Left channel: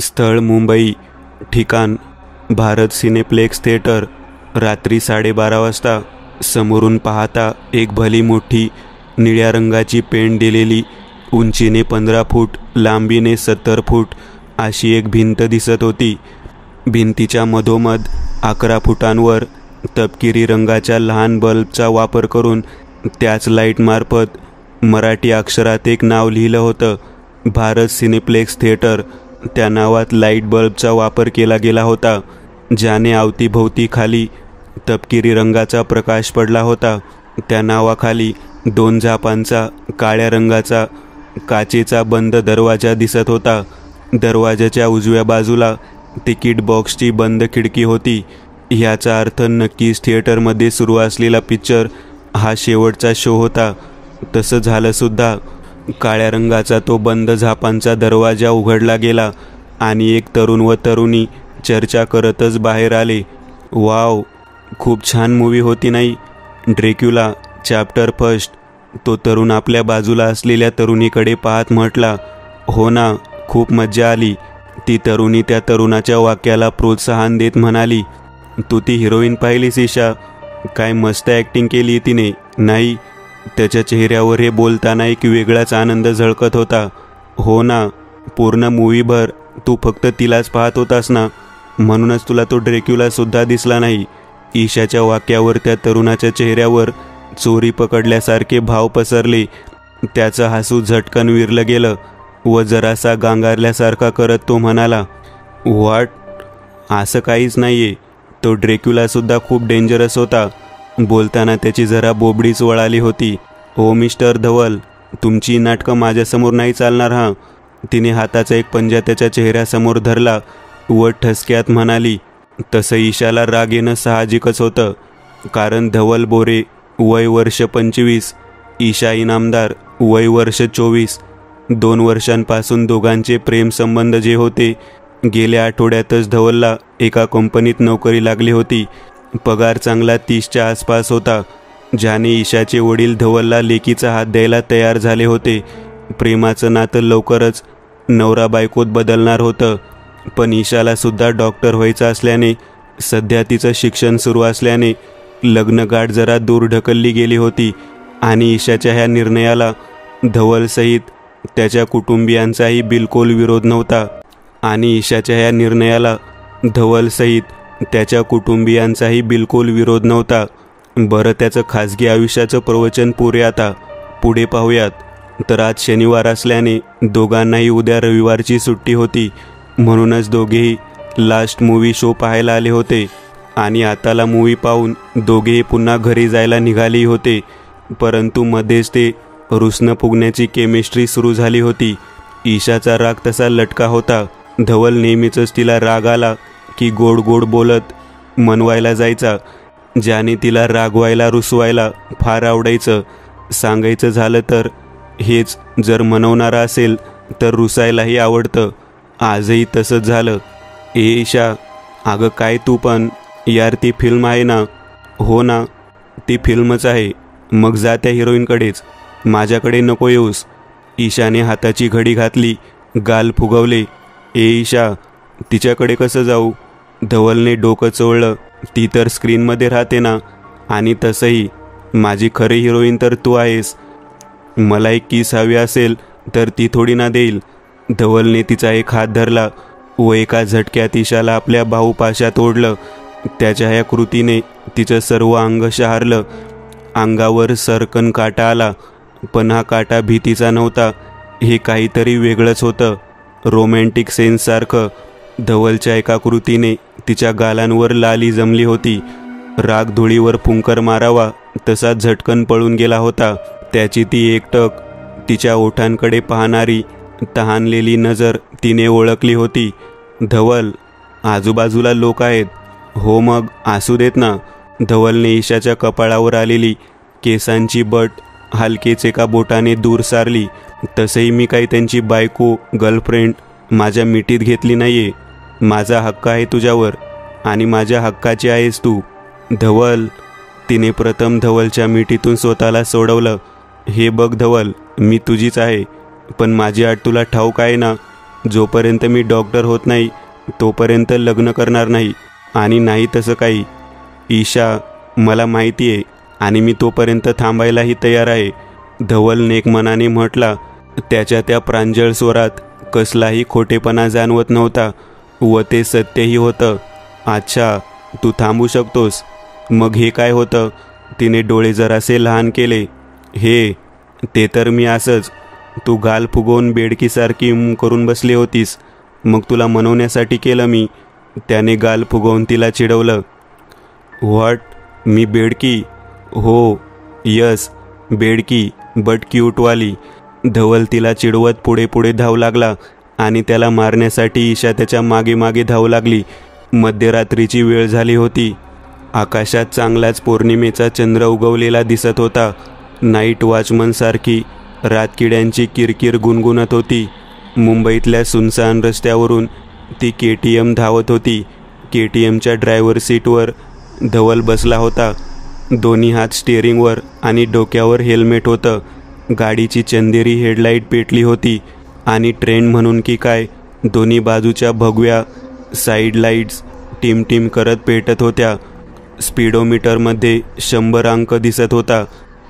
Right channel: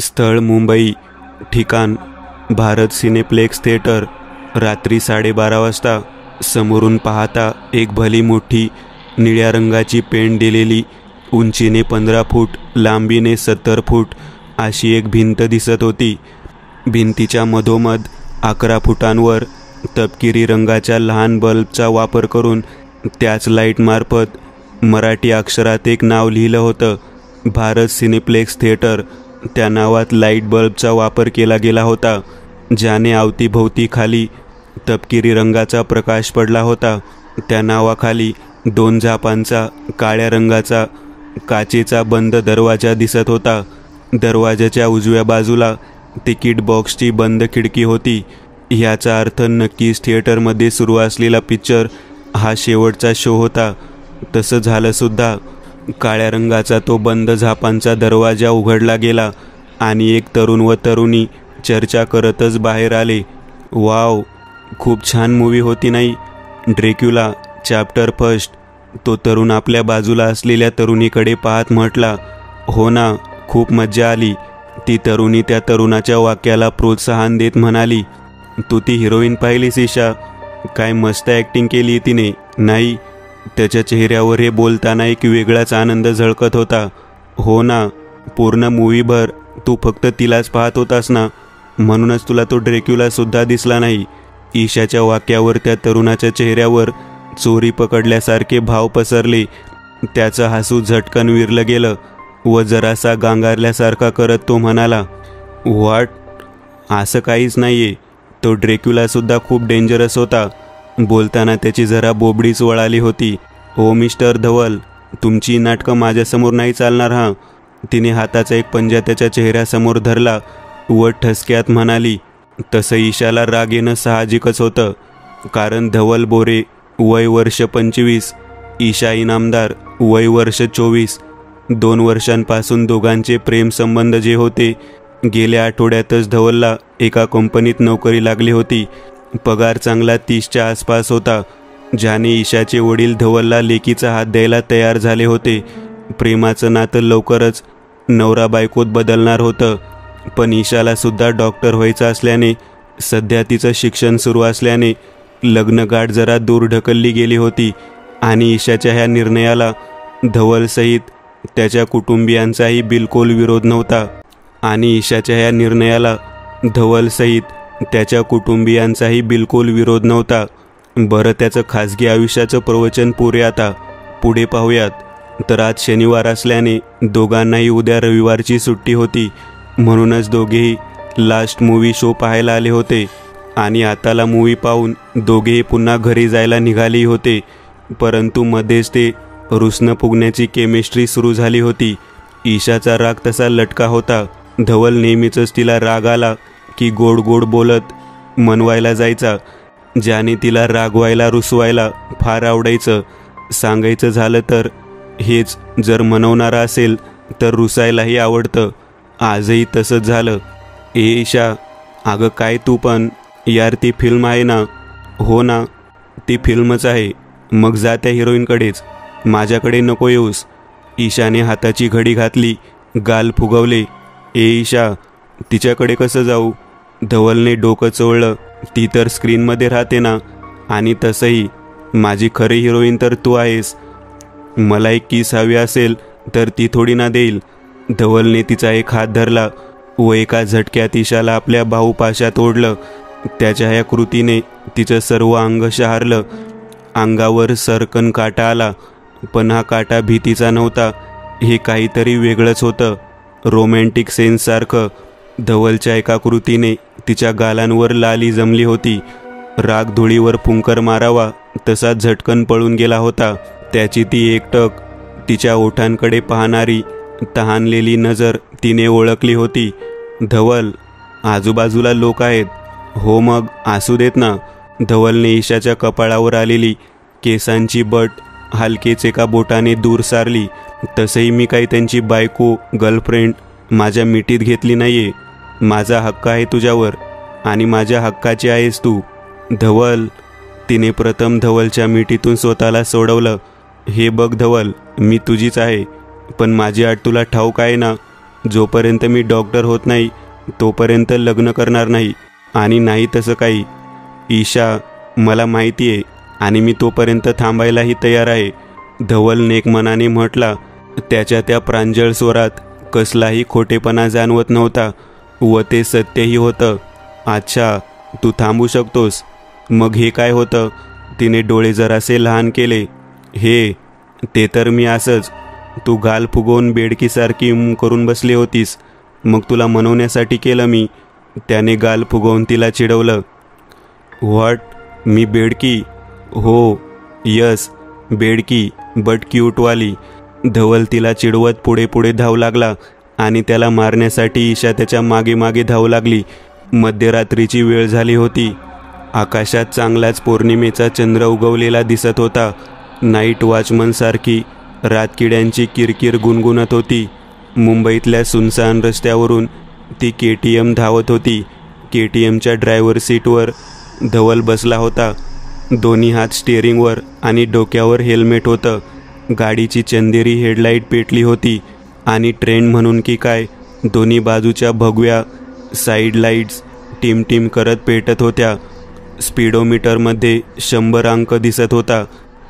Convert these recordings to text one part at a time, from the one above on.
स्थळ मुंबई, ठिकाण Bharat cineplex theatre. रात्री 12:30 वाजता. समोरून पाहता एक भली मोठी निळ्या रंगाची पेंट दिलेली, उंचीने 15 फूट, लांबीने 70 फूट अशी एक भिंत दिसत होती. भिंतीच्या मधोमध 11 फुटांवर तपकिरी रंगाच्या लहान बल्बचा वापर करून त्याच लाईटमार्फत मराठी अक्षरात एक नाव लिहिलं होतं, भारत सिनेप्लेक्स थिएटर. त्या नावात लाईट बल्बचा वापर केला गेला होता, ज्याने अवतीभोवती खाली तपकिरी रंगाचा प्रकाश पडला होता. त्या नावाखाली 2 झापांचा काळ्या रंगाचा काचेचा बंद दरवाजा दिसत होता. दरवाजाच्या उजव्या बाजूला तिकीट बॉक्सची बंद खिडकी होती. ह्याचा अर्थ नक्कीच थिएटरमध्ये सुरू असलेला पिक्चर हा शेवटचा शो होता. तसं झालं सुद्धा. काळ्या रंगाचा तो बंद झापांचा दरवाजा उघडला गेला आणि एक तरुण व तरुणी चर्चा करतच बाहेर आले. वाव, खूप छान मूवी होती नाही? Dracula chapter first. तो तरुण आपल्या बाजूला असलेल्या तरुणीकडे पाहत म्हटला. हो ना, खूप मज्जा आली. ती तरुणी त्या तरुणाच्या वाक्याला प्रोत्साहन देत म्हणाली. तू ती हिरोईन पाहिलीस ईशा? काय मस्त ॲक्टिंग केली तिने, नाही? त्याच्या चेहऱ्यावर हे बोलताना एक वेगळाच आनंद झळकत होता. हो ना, पूर्ण मूवीभर तू फक्त तिलाच पाहत होतास ना, म्हणूनच तुला तो ड्रॅक्युला सुद्धा दिसला नाही. ईशाच्या वाक्यावर त्या तरुणाच्या चेहऱ्यावर चोरी पकडल्यासारखे भाव पसरले. त्याचं हसू झटकन विरलं गेलं व जरासा गांगारल्यासारखा करत तो म्हणाला, व्हॉट? असं काहीच नाहीये. तो ड्रॅक्युला सुद्धा खूप डेंजरस होता. बोलताना त्याची जरा बोबडीच वळाली होती. ओ मिस्टर धवल, तुमची नाटकं माझ्यासमोर नाही चालणार हा. तिने हाताचा एक पंजा त्याच्या चेहऱ्यासमोर धरला व ठसक्यात म्हणाली. तसं ईशाला राग येणं साहजिकच होतं, कारण धवल बोरे वय वर्ष 25, ईशा इनामदार वय वर्ष 24. 2 वर्षांपासून दोघांचे प्रेमसंबंध जे होते, गेल्या आठवड्यातच धवलला एका कंपनीत नोकरी लागली होती. पगार चांगला 30च्या आसपास होता, ज्याने ईशाचे वडील धवलला लेकीचा हात द्यायला तयार झाले होते. प्रेमाचं नातं लवकरच नवरा बायकोत बदलणार होतं, पण ईशाला सुद्धा डॉक्टर व्हायचं असल्याने, सध्या तिचं शिक्षण सुरू असल्याने लग्नगाठ जरा दूर ढकलली गेली होती आणि ईशाच्या ह्या निर्णयाला धवलसहित त्याच्या कुटुंबियांचाही बिलकुल विरोध नव्हता. आणि ईशाच्या ह्या निर्णयाला धवलसहित त्याच्या कुटुंबियांचाही बिलकुल विरोध नव्हता. बरं, त्याचं खाजगी आयुष्याचं प्रवचन पुढे पाहूयात. तर आज शनिवार असल्याने दोघांनाही उद्या रविवारची सुट्टी होती, म्हणूनच दोघेही लास्ट मूवी शो पाहायला आले होते. आणि आताला मूवी पाहून दोघेही पुन्हा घरी जायला निघाले होते. परंतु मध्येच ते रुसणं फुगण्याची केमिस्ट्री सुरू झाली होती. ईशाचा राग तसा लटका होता. धवल नेहमीच तिला राग आला की गोड गोड बोलत मनवायला जायचा, ज्याने तिला रागवायला रुसवायला फार आवडायचं. सांगायचं झालं तर हेच, जर मनवणारा असेल तर रुसायलाही आवडतं. आजही तसंच झालं. ए ईशा, अगं काय तू पण, यार ती फिल्म आहे ना? हो ना, ती फिल्मच आहे. मग जा त्या हिरोईनकडेच, माझ्याकडे नको येऊस. ईशाने हाताची घडी घातली, गाल फुगवले. ए ईशा, तिच्याकडे कसं जाऊ? धवलने डोकं चोळलं. ती तर स्क्रीनमध्ये राहते ना, आणि तसंही माझी खरी हिरोईन तर तू आहेस. मला एक किस हवी असेल तर ती थोडी ना देईल. धवलने तिचा एक हात धरला व एका झटक्यात ईशाला आपल्या बाहुपाशात ओढलं. त्याच्या ह्या कृतीने तिचं सर्व अंग शहारलं. अंगावर सरकन काटा आला, पण हा काटा भीतीचा नव्हता. हे काहीतरी वेगळंच होतं, रोमॅन्टिक सेन्ससारखं. धवलच्या एका कृतीने तिच्या गालांवर लाली जमली होती. राग धुळीवर फुंकर मारावा तसा झटकन पळून गेला होता. त्याची ती एकटक तिच्या ओठांकडे पाहणारी तहानलेली नजर तिने ओळखली होती. धवल, आजूबाजूला लोक आहेत. हो मग असू देत ना. धवलने ईशाच्या कपाळावर आलेली केसांची बट हलकेच एका बोटाने दूर सारली. तसंही मी काही त्यांची बायको, गर्लफ्रेंड माझ्या मिठीत घेतली नाहीये. माझा हक्क आहे तुझ्यावर आणि माझ्या हक्काची आहेस तू. धवल, तिने प्रथम धवलच्या मिठीतून स्वतःला सोडवलं. हे बघ धवल, मी तुझीच आहे, पण माझी अट तुला ठाऊक आहे ना? जोपर्यंत मी डॉक्टर होत नाही तोपर्यंत लग्न करणार नाही. आणि नाही तसं काही. ईशा, मला माहिती आहे आणि मी तोपर्यंत थांबायलाही तयार आहे, धवल नेकमनाने म्हटला. त्याच्या त्या प्रांजळ स्वरात कसलाही खोटेपणा जाणवत नव्हता व ते सत्यही होतं. अच्छा, तू थांबू शकतोस. मग हे काय होतं? तिने डोळे जरासे लहान केले. हे ते तर मी असंच. तू गाल फुगवून बेडकीसारखी करून बसली होतीस, मग तुला मनवण्यासाठी केलं मी. त्याने गाल फुगवून तिला चिडवलं. व्हॉट? मी बेडकी? हो, यस, बेडकी, बट क्यूटवाली. धवल तिला चिडवत पुढे पुढे धावू लागला आणि त्याला मारण्यासाठी ईशा त्याच्या मागे मागे धावू लागली. मध्यरात्रीची वेळ झाली होती. आकाशात चांगलाच पौर्णिमेचा चंद्र उगवलेला दिसत होता. नाईट वॉचमनसारखी रातकिड्यांची किरकिर गुणगुणत होती. मुंबईतल्या सुनसान रस्त्यावरून ती KTM धावत होती. KTMच्या ड्रायव्हर सीटवर धवल बसला होता. दोन्ही हात स्टिअरिंगवर आणि डोक्यावर हेल्मेट होतं. गाडीची चंदेरी हेडलाईट पेटली होती आणि ट्रेंड म्हणून की काय दोन्ही बाजूच्या भगव्या साईड लाईट्स टिमटिम करत पेटत होत्या. स्पीडोमीटरमध्ये 100 अंक दिसत होता.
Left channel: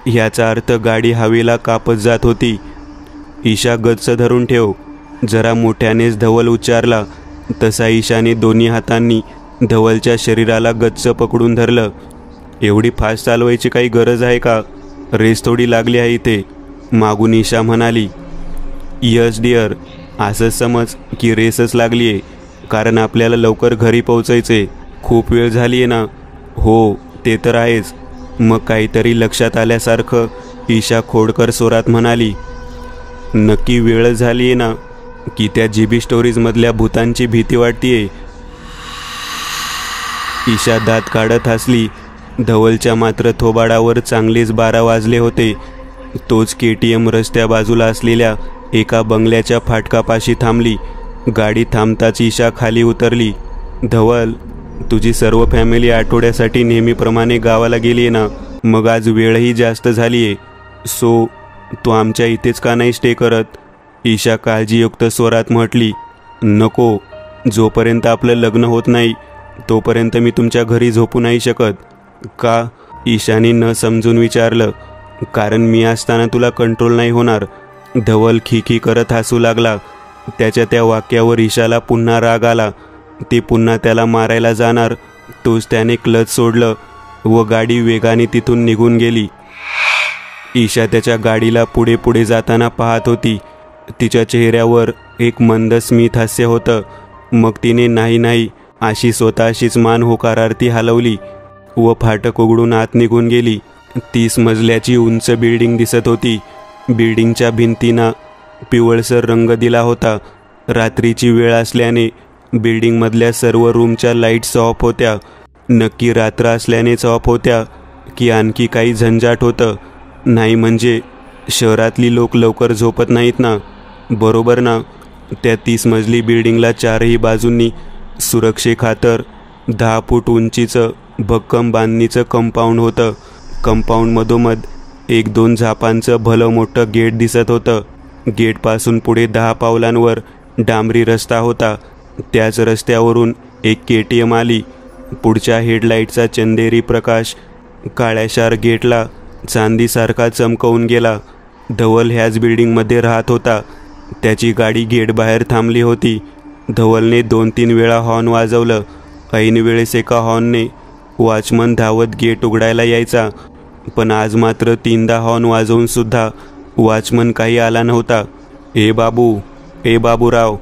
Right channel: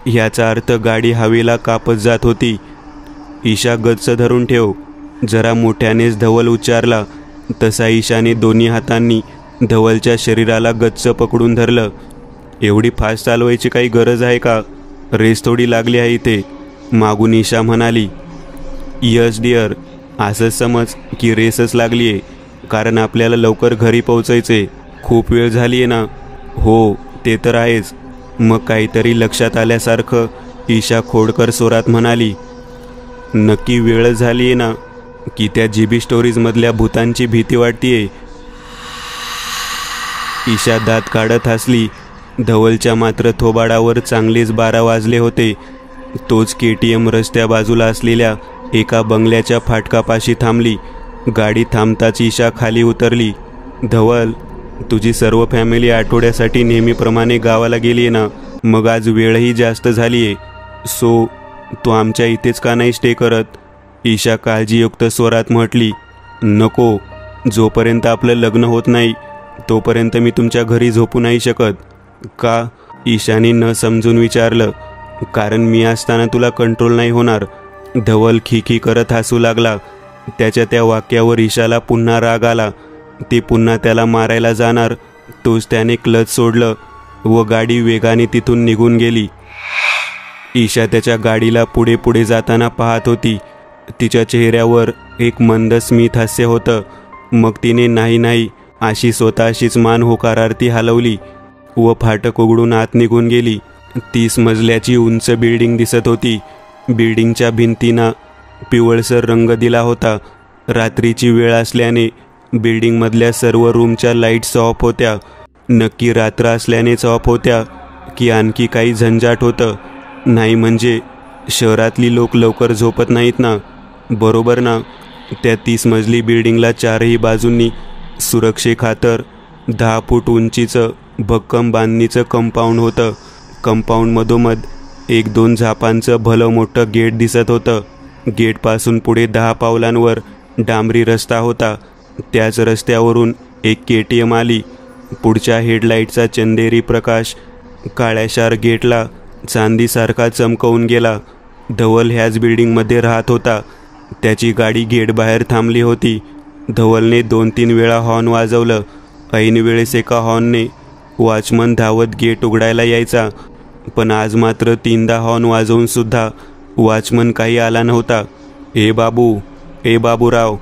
ह्याचा अर्थ गाडी हवेला कापत जात होती. ईशा, गच्च धरून ठेव, जरा मोठ्यानेच धवल उच्चारला. तसा ईशाने दोन्ही हातांनी धवलच्या शरीराला गच्च पकडून धरलं. एवढी फास्ट चालवायची काही गरज आहे का? रेस थोडी लागली आहे इथे, मागून ईशा म्हणाली. यस डिअर, असं समज की रेसच लागली आहे, कारण आपल्याला लवकर घरी पोहोचायचे. खूप वेळ झाली आहे ना? हो, ते तर आहेच. मग काहीतरी लक्षात आल्यासारखं ईशा खोडकर स्वरात म्हणाली. नक्की वेळ झाली आहे ना, की त्या GB स्टोरीजमधल्या भूतांची भीती वाटतीये? ईशा दात काढत हसली. धवलच्या मात्र थोबाडावर चांगलेच 12 वाजले होते. तोच KTM रस्त्या बाजूला असलेल्या एका बंगल्याच्या फाटकापाशी थांबली. गाडी थांबताच ईशा खाली उतरली. धवल, तुझी सर्व फॅमिली आठवड्यासाठी नेहमीप्रमाणे गावाला गेली ना? मग आज वेळही जास्त झालीये, सो तू आमच्या इथेच का नाही स्टे करत? ईशा काळजीयुक्त स्वरात म्हटली. नको, जोपर्यंत आपलं लग्न होत नाही तोपर्यंत मी तुमच्या घरी झोपू नाही शकत. का? ईशाने न समजून विचारलं. कारण मी असताना तुला कंट्रोल नाही होणार. धवल खिखी करत हसू लागला. त्याच्या त्या वाक्यावर ईशाला पुन्हा राग आला. ती पुन्हा त्याला मारायला जाणार तोच त्याने क्लच सोडलं व गाडी वेगाने तिथून निघून गेली. ईशा त्याच्या गाडीला पुढे पुढे जाताना पाहत होती. तिच्या चेहऱ्यावर एक मंद स्मित हास्य होतं. मग तिने नाही नाही अशी स्वतःशीच मान होकारार्थी हलवली व फाटक उघडून आत निघून गेली. 30 मजल्याची उंच बिल्डिंग दिसत होती. बिल्डिंगच्या भिंतींना पिवळसर रंग दिला होता. रात्रीची वेळ असल्याने बिल्डिंगमधल्या सर्व रूमच्या लाईट्स ऑफ होत्या. नक्की रात्र असल्यानेच ऑफ होत्या की आणखी काही झंझाट होतं? नाही म्हणजे शहरातली लोक लवकर झोपत नाहीत ना, बरोबर ना? त्या 30 मजली बिल्डिंगला चारही बाजूंनी सुरक्षेखातर 10 फूट उंचीचं भक्कम बांधणीचं कंपाऊंड होतं. कंपाऊंड मधोमध 1-2 झापांचं भलं मोठं गेट दिसत होतं. गेटपासून पुढे 10 पावलांवर डांबरी रस्ता होता. त्याच रस्त्यावरून एक KTM आली. पुढच्या हेडलाईटचा चंदेरी प्रकाश काळ्याशार गेटला चांदीसारखा चमकवून गेला. धवल ह्याच बिल्डिंगमध्ये राहत होता. त्याची गाडी गेट बाहेर थांबली होती. धवलने 2-3 वेळा हॉर्न वाजवलं. ऐन वेळेस एका हॉर्नने वॉचमन धावत गेट उघडायला यायचा. पण आज मात्र 3दा हॉर्न वाजवून सुद्धा वॉचमन काही आला नव्हता. ए बाबू, ए बाबूराव.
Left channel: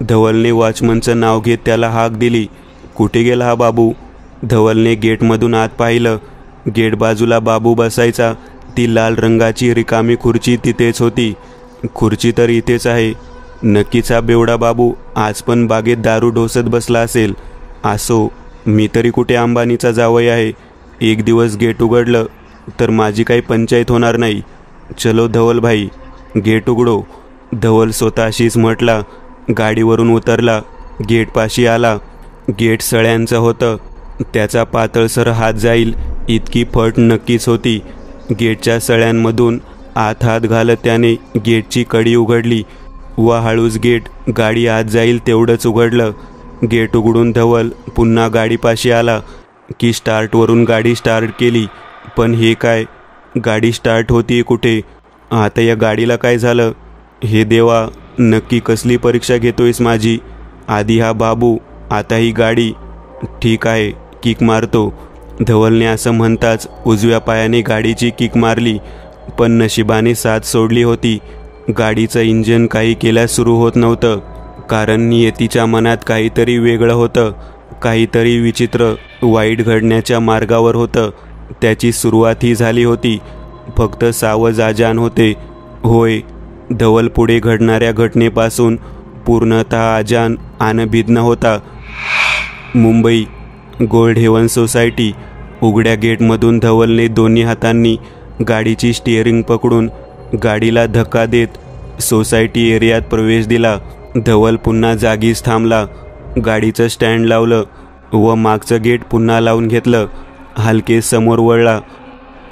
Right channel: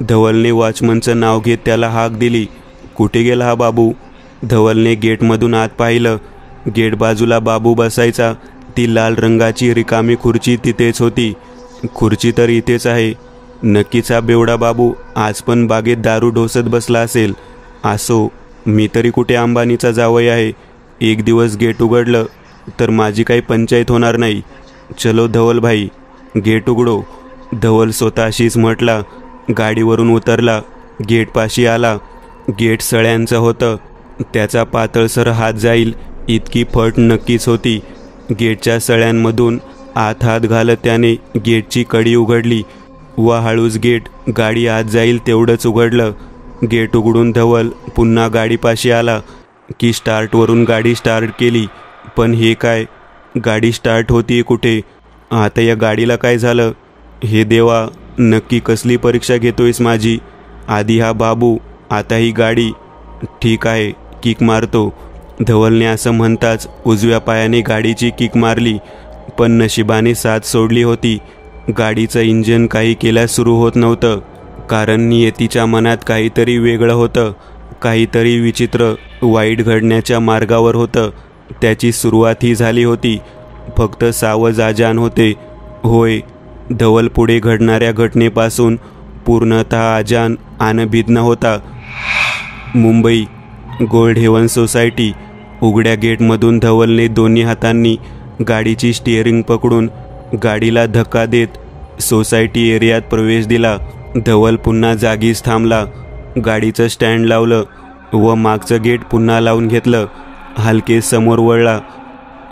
धवलने वॉचमनचं नाव घेत त्याला हाक दिली. कुठे गेला हा बाबू? धवलने गेटमधून आत पाहिलं. गेट बाजूला बाबू बसायचा. ती लाल रंगाची रिकामी खुर्ची तिथेच होती. खुर्ची तर इथेच आहे. नक्कीच हा बेवडा बाबू आज पण बागेत दारू ढोसत बसला असेल. असो, मी तरी कुठे अंबानीचा जावई आहे. एक दिवस गेट उघडलं तर माझी काही पंचायत होणार नाही. चलो धवल भाई, गेट उघडो. धवल स्वतःशीच म्हटला. गाडीवरून उतरला. गेटपाशी आला. गेट सळ्यांचं होतं. त्याचा पातळसर हात जाईल इतकी फट नक्कीच होती. गेटच्या सळ्यांमधून आत हात घालत त्याने गेटची कडी उघडली. व हळूच गेट गाडी आत जाईल तेवढंच उघडलं. गेट उघडून धवल पुन्हा गाडीपाशी आला की स्टार्टवरून गाडी स्टार्ट केली. पण हे काय, गाडी स्टार्ट होतीये कुठे? आता या गाडीला काय झालं? हे देवा, नक्की कसली परीक्षा घेतोयस माझी? आधी हा बाबू, आता ही गाडी. ठीक आहे, किक मारतो. धवलने असं म्हणताच उजव्या पायाने गाडीची किक मारली. पण नशिबाने साथ सोडली होती. गाडीचं इंजिन काही केल्यास सुरू होत नव्हतं. कारण नियतीच्या मनात काहीतरी वेगळं होतं. काहीतरी विचित्र वाईट घडण्याच्या मार्गावर होतं. त्याची सुरुवातही झाली होती. फक्त सावज आजान होते. होय, धवल पुढे घडणाऱ्या घटनेपासून पूर्णतः अजान आणि भिन्न होता. Mumbai, Gold Haven Society. उघड्या गेटमधून धवलने दोन्ही हातांनी गाडीची स्टिअरिंग पकडून गाडीला धक्का देत सोसायटी एरियात प्रवेश दिला. धवल पुन्हा जागीच थांबला. गाडीचं स्टँड लावलं व मागचं गेट पुन्हा लावून घेतलं. हलके समोर वळला.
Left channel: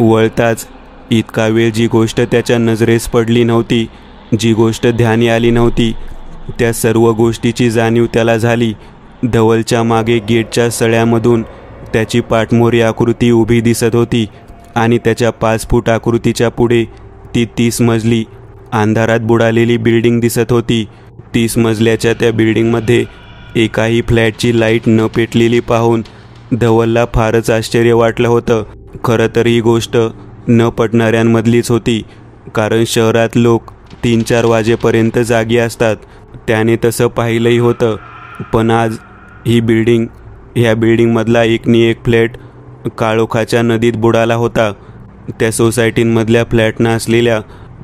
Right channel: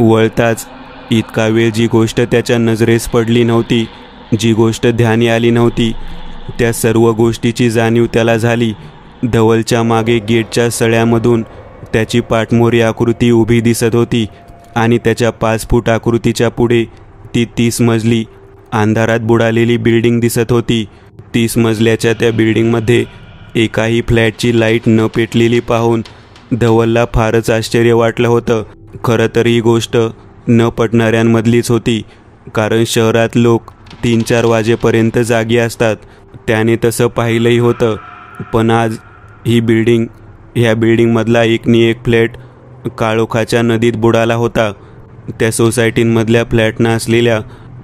वळताच इतका वेळ जी गोष्ट त्याच्या नजरेस पडली नव्हती, जी गोष्ट ध्यानी आली नव्हती, त्या सर्व गोष्टीची जाणीव त्याला झाली. धवलच्या मागे गेटच्या सळ्यामधून त्याची पाठमोरी आकृती उभी दिसत होती आणि त्याच्या 5 फूट आकृतीच्या पुढे ती 30 मजली अंधारात बुडालेली बिल्डिंग दिसत होती. 30 मजल्याच्या त्या बिल्डिंगमध्ये एकाही फ्लॅटची लाईट न पेटलेली पाहून धवलला फारच आश्चर्य वाटलं होतं. खरं तर ही गोष्ट न पटणाऱ्यांमधलीच होती. कारण शहरात लोक 3-4 वाजेपर्यंत जागी असतात. त्याने तसं पाहिलंही होतं. पण आज ह्या बिल्डिंगमधला एक फ्लॅट काळोखाच्या नदीत बुडाला होता. त्या सोसायटींमधल्या फ्लॅटना असलेल्या